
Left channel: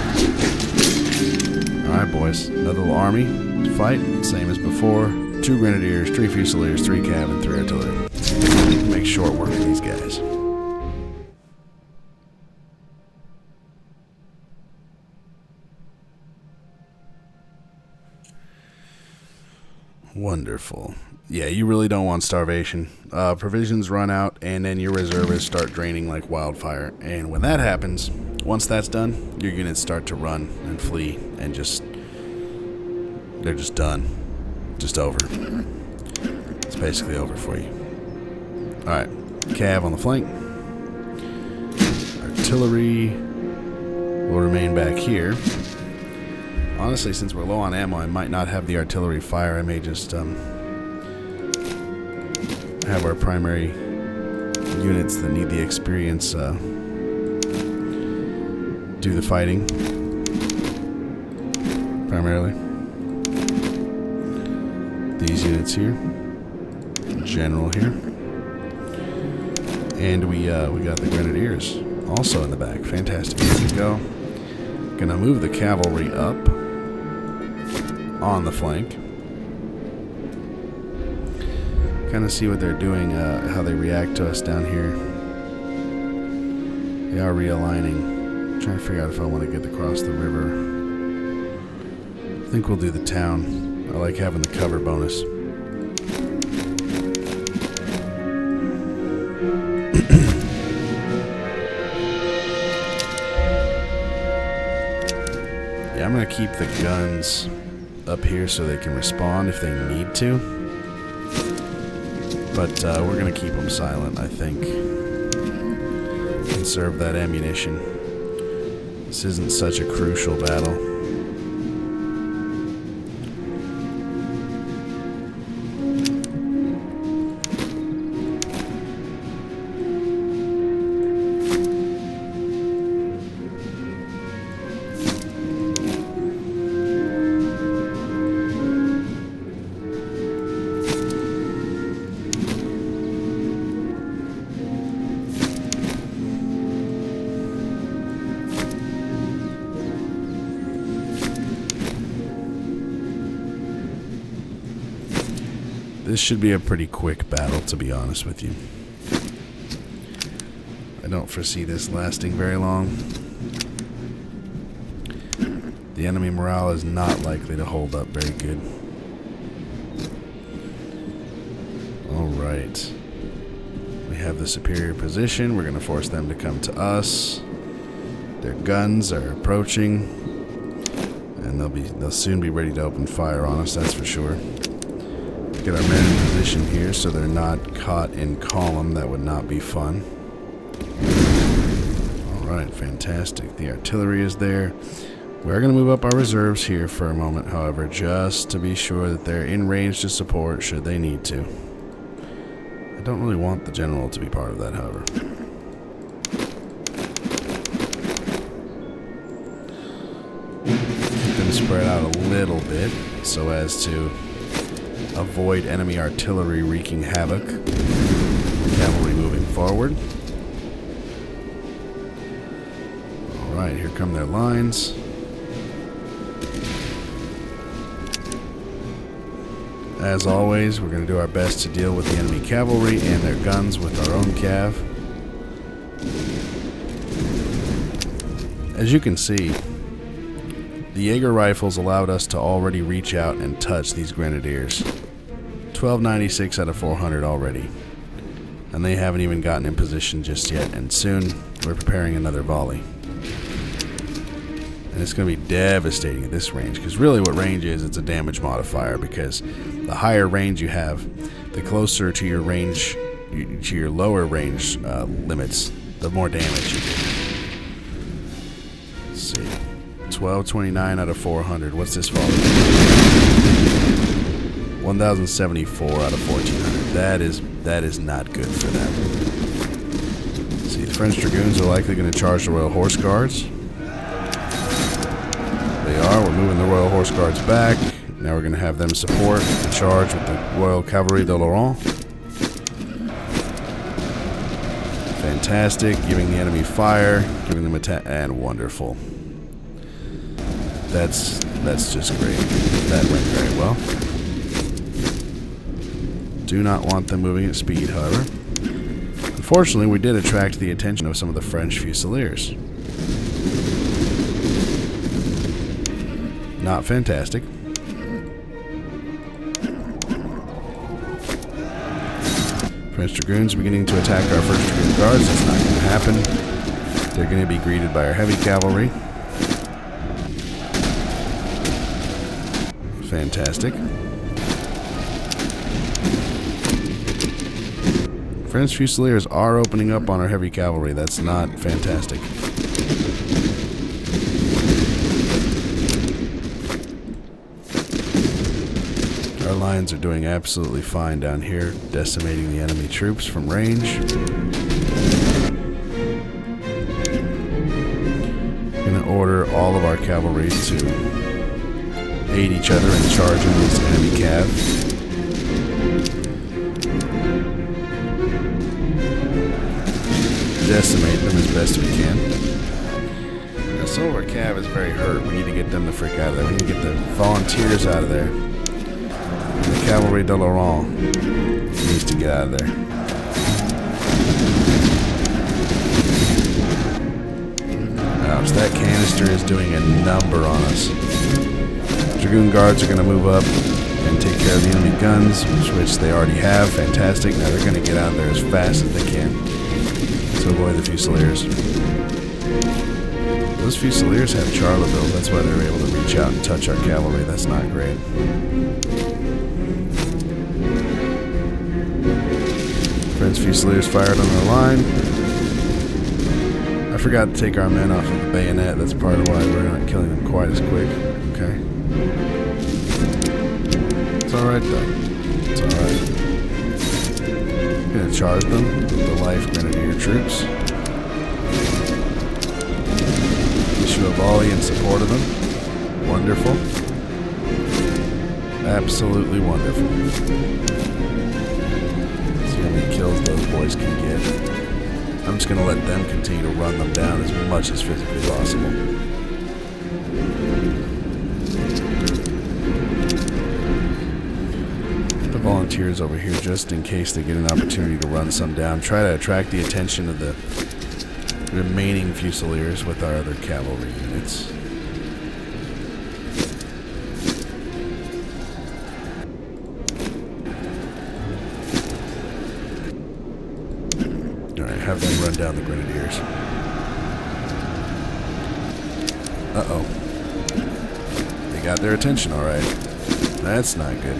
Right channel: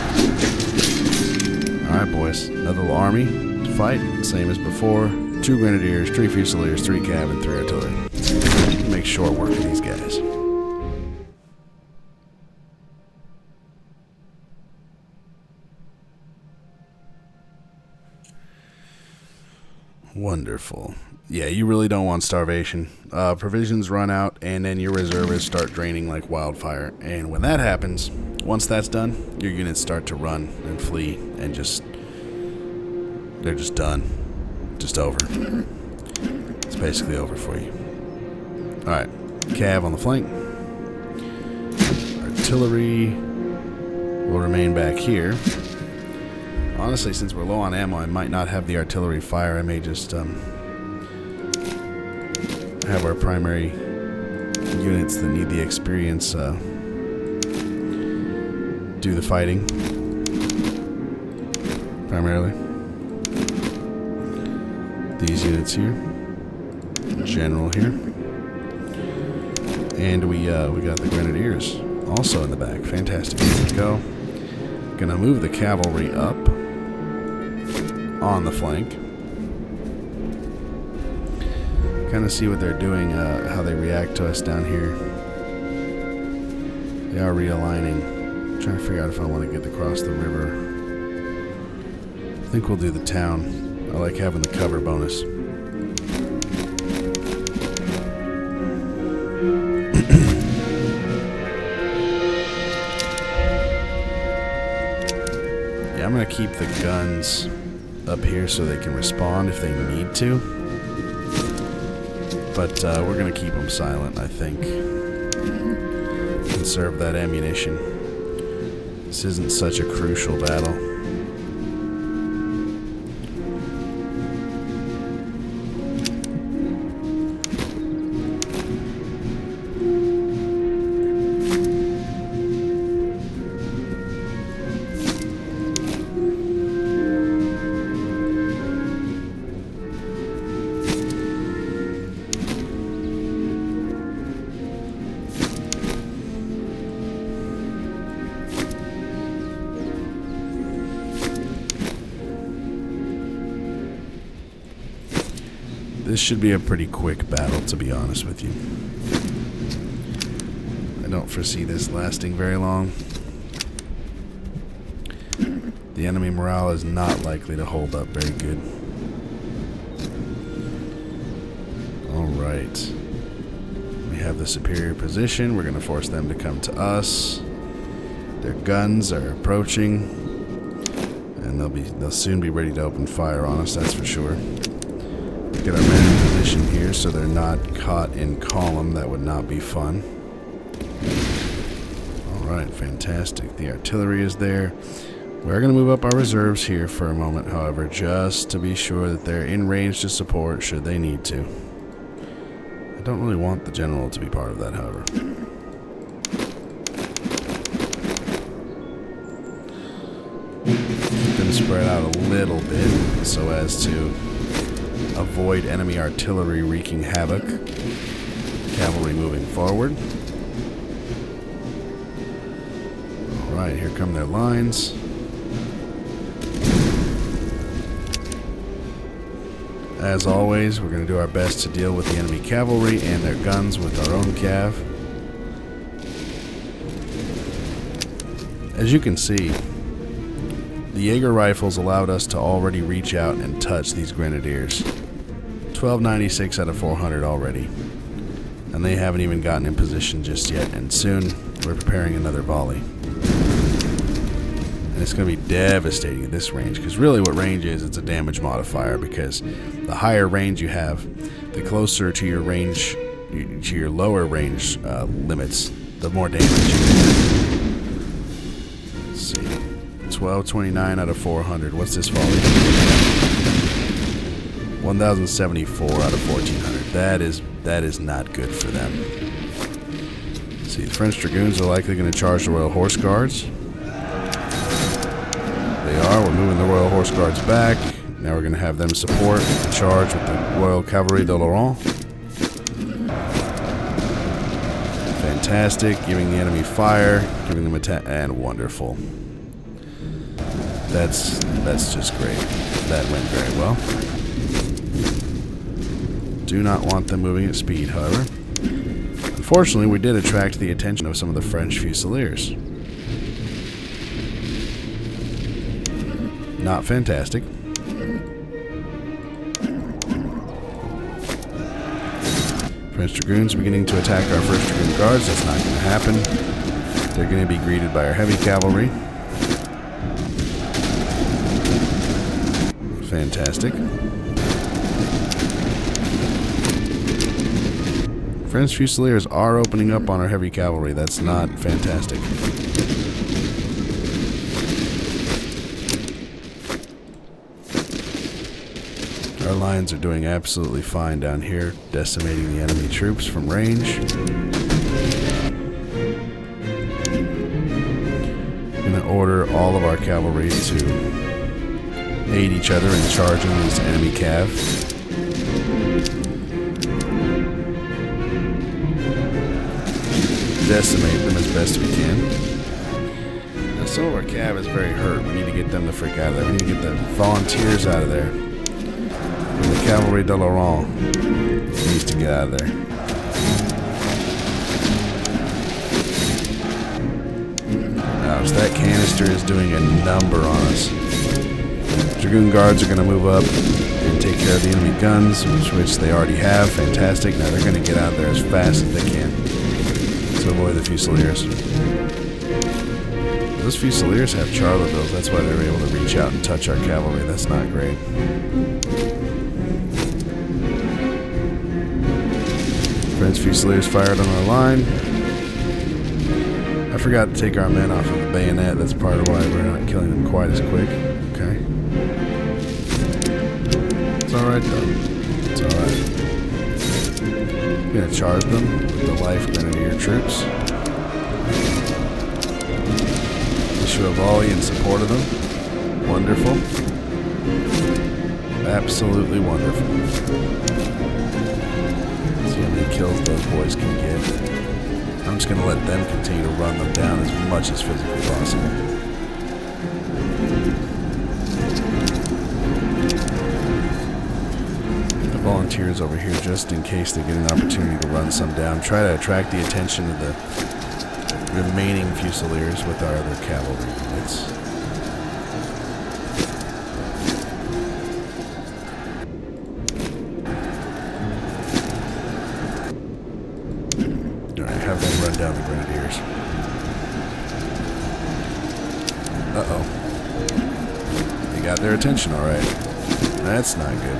Alright, boys. Another little army to fight. Same as before. 2 grenadiers, 3 fusiliers, 3 cav, and 3 artillery. Make short work of these guys. Wonderful. Yeah, you really don't want starvation. Provisions run out, and then your reservists start draining like wildfire. And when that happens, once that's done, your units start to run and flee, and they're just done. Just over. It's basically over for you. Alright, cav on the flank. Artillery will remain back here. Honestly, since we're low on ammo, I might not have the artillery fire. I may just have our primary units that need the experience do the fighting. Primarily. These units here. General here. And we got the grenadiers also in the back. Fantastic. Here we go. Gonna move the cavalry up on the flank. Kind of see what they're doing, how they react to us down here. They are realigning. I'm trying to figure out if I want to get across the river. I think we'll do the town. I like having the cover bonus. Yeah, I'm going to keep the guns up here so they can respond if they need to. But we're going to keep them silent, I think. Conserve that ammunition. This isn't such a crucial battle. This should be a pretty quick battle, to be honest with you. I don't foresee this lasting very long. The enemy morale is not likely to hold up very good. Alright. We have the superior position. We're going to force them to come to us. Their guns are approaching. And they'll soon be ready to open fire on us, that's for sure. Get our men in position here so they're not caught in column. That would not be fun. Alright, fantastic. The artillery is there. We're going to move up our reserves here for a moment, however, just to be sure that they're in range to support should they need to. I don't really want the general to be part of that, however. Keep them spread out a little bit so as to avoid enemy artillery wreaking havoc. Cavalry moving forward. Alright, here come their lines. As always, we're going to do our best to deal with the enemy cavalry and their guns with our own cav. As you can see, the Jaeger rifles allowed us to already reach out and touch these grenadiers. 1296 out of 400 already. And they haven't even gotten in position just yet, and soon we're preparing another volley. And it's going to be devastating at this range, because really what range is, it's a damage modifier, because the higher range you have, the closer to your range, to your lower range limits, the more damage you do. Let's see. 1229 out of 400. What's this volley? 1074 out of 1400. That is not good for them. Let's see, the French Dragoons are likely going to charge the Royal Horse Guards. They are. We're moving the Royal Horse Guards back. Now we're going to have them support and charge with the Royal Cavalry de Laurent. Fantastic. Giving the enemy fire, giving them attack, and wonderful. That's just great. That went very well. Do not want them moving at speed, however. Unfortunately, we did attract the attention of some of the French Fusiliers. Not fantastic. French Dragoons are beginning to attack our 1st Dragoon Guards. That's not going to happen. They're going to be greeted by our heavy cavalry. Fantastic. French Fusiliers are opening up on our heavy cavalry. That's not fantastic. Our lines are doing absolutely fine down here, decimating the enemy troops from range. Gonna order all of our cavalry to aid each other in charging these enemy cav. Decimate them as best we can. Now some of our cav is very hurt. We need to get them the frick out of there. We need to get the volunteers out of there. And the Cavalry de Laurent needs to get out of there. Ouch, that canister is doing a number on us. Dragoon guards are going to move up and take care of the enemy guns, which they already have. Fantastic. Now they're going to get out of there as fast as they can to avoid the Fusiliers. Those Fusiliers have Charlevilles. That's why they're able to reach out and touch our cavalry. That's not great. French Fusiliers fired on our line. I forgot to take our men off of the bayonet. That's part of why we're not killing them quite as quick. Okay. It's alright though. It's alright. Gonna charge them with the life grenadier troops. Issue a volley in support of them. Wonderful. Absolutely wonderful. See how many kills those boys can get. I'm just gonna let them continue to run them down as much as physically possible. Get the volunteers over here just in case they get an opportunity to run some down. Try to attract the attention of the remaining Fusiliers with our other cavalry units. Alright, have them run down the grenadiers. Uh-oh. They got their attention, alright. That's not good.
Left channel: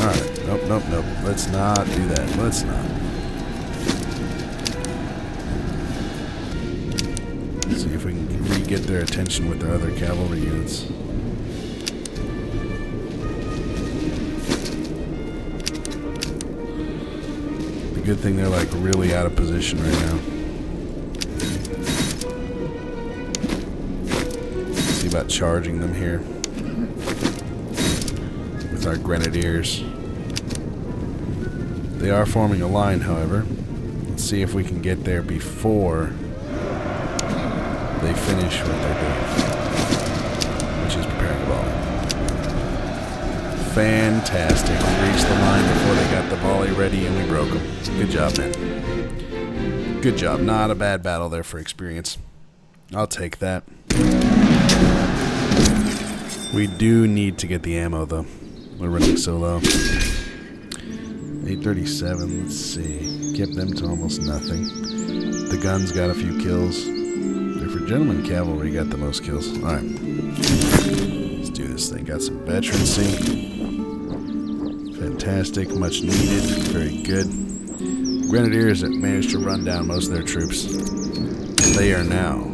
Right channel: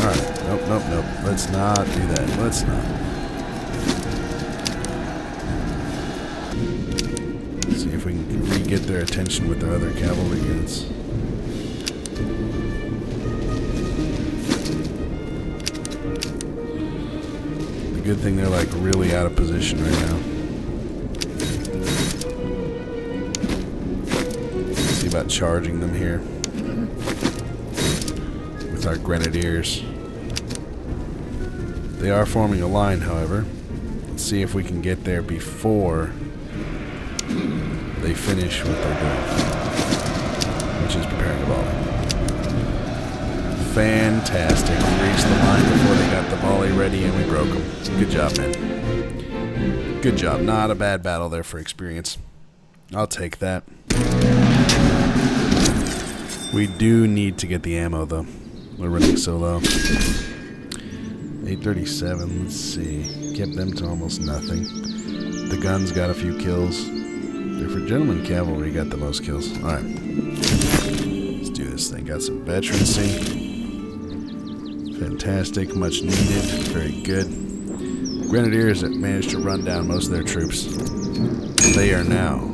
Alright, nope. Let's not do that. Let's not. Let's see if we can re-get their attention with their other cavalry units. The good thing they're like really out of position right now. Let's see about charging them here with our grenadiers. They are forming a line, however. Let's see if we can get there before they finish what they're doing, which is preparing a volley. Fantastic. We reached the line before they got the volley ready and we broke them. Good job, men. Good job. Not a bad battle there for experience. I'll take that. We do need to get the ammo, though. We're running so low. 837, let's see. Kept them to almost nothing. The guns got a few kills. Different gentleman cavalry got the most kills. Alright. Let's do this thing. Got some veterancy. Fantastic. Much needed. Very good. Grenadiers that managed to run down most of their troops. They are now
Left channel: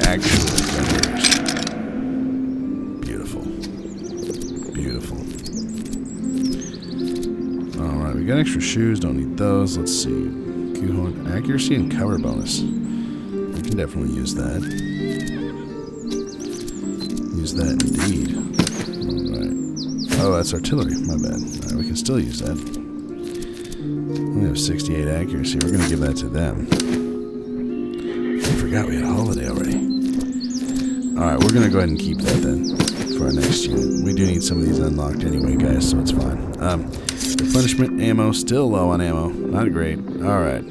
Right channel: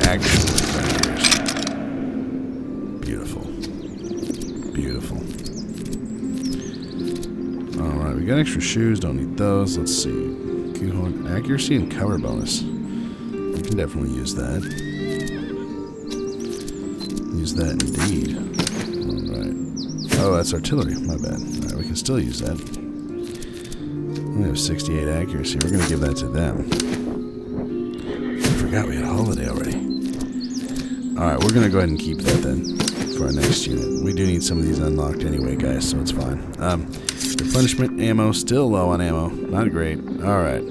actually grenadiers. Beautiful. Beautiful. Alright, we got extra shoes, don't need those. Let's see. Q-horn, accuracy and cover bonus. We can definitely use that. Use that indeed. Alright. Oh, that's artillery. My bad. Alright, we can still use that. We have 68 accuracy. We're going to give that to them. I forgot we had a holiday already. Alright, we're going to go ahead and keep that then for our next unit. We do need some of these unlocked anyway, guys, so it's fine. Replenishment ammo, still low on ammo. Not great. Alright.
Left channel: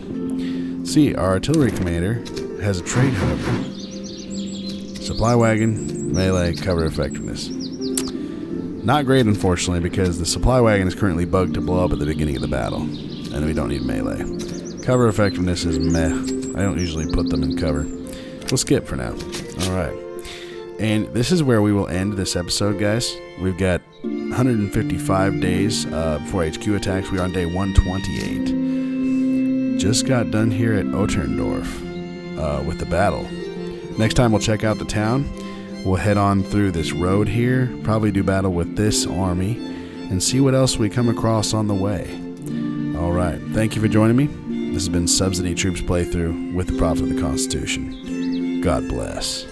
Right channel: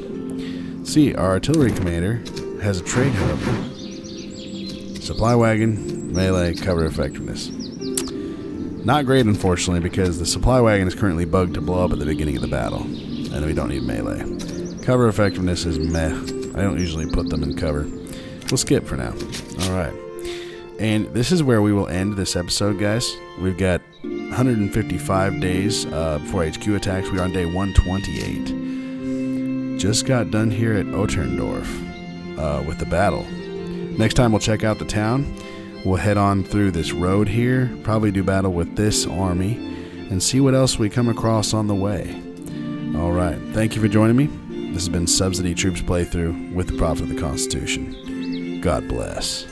See, our artillery commander has a trait, however. Supply wagon, melee, cover effectiveness. Not great, unfortunately, because the supply wagon is currently bugged to blow up at the beginning of the battle. And we don't need melee. Cover effectiveness is meh. I don't usually put them in cover. We'll skip for now. Alright. And this is where we will end this episode, guys. We've got 155 days before HQ attacks. We are on day 128. Just got done here at Otterndorf with the battle. Next time we'll check out the town. We'll head on through this road here, probably do battle with this army, and see what else we come across on the way. Alright, thank you for joining me. This has been Subsidy Troops playthrough with the Prophet of the Constitution. God bless.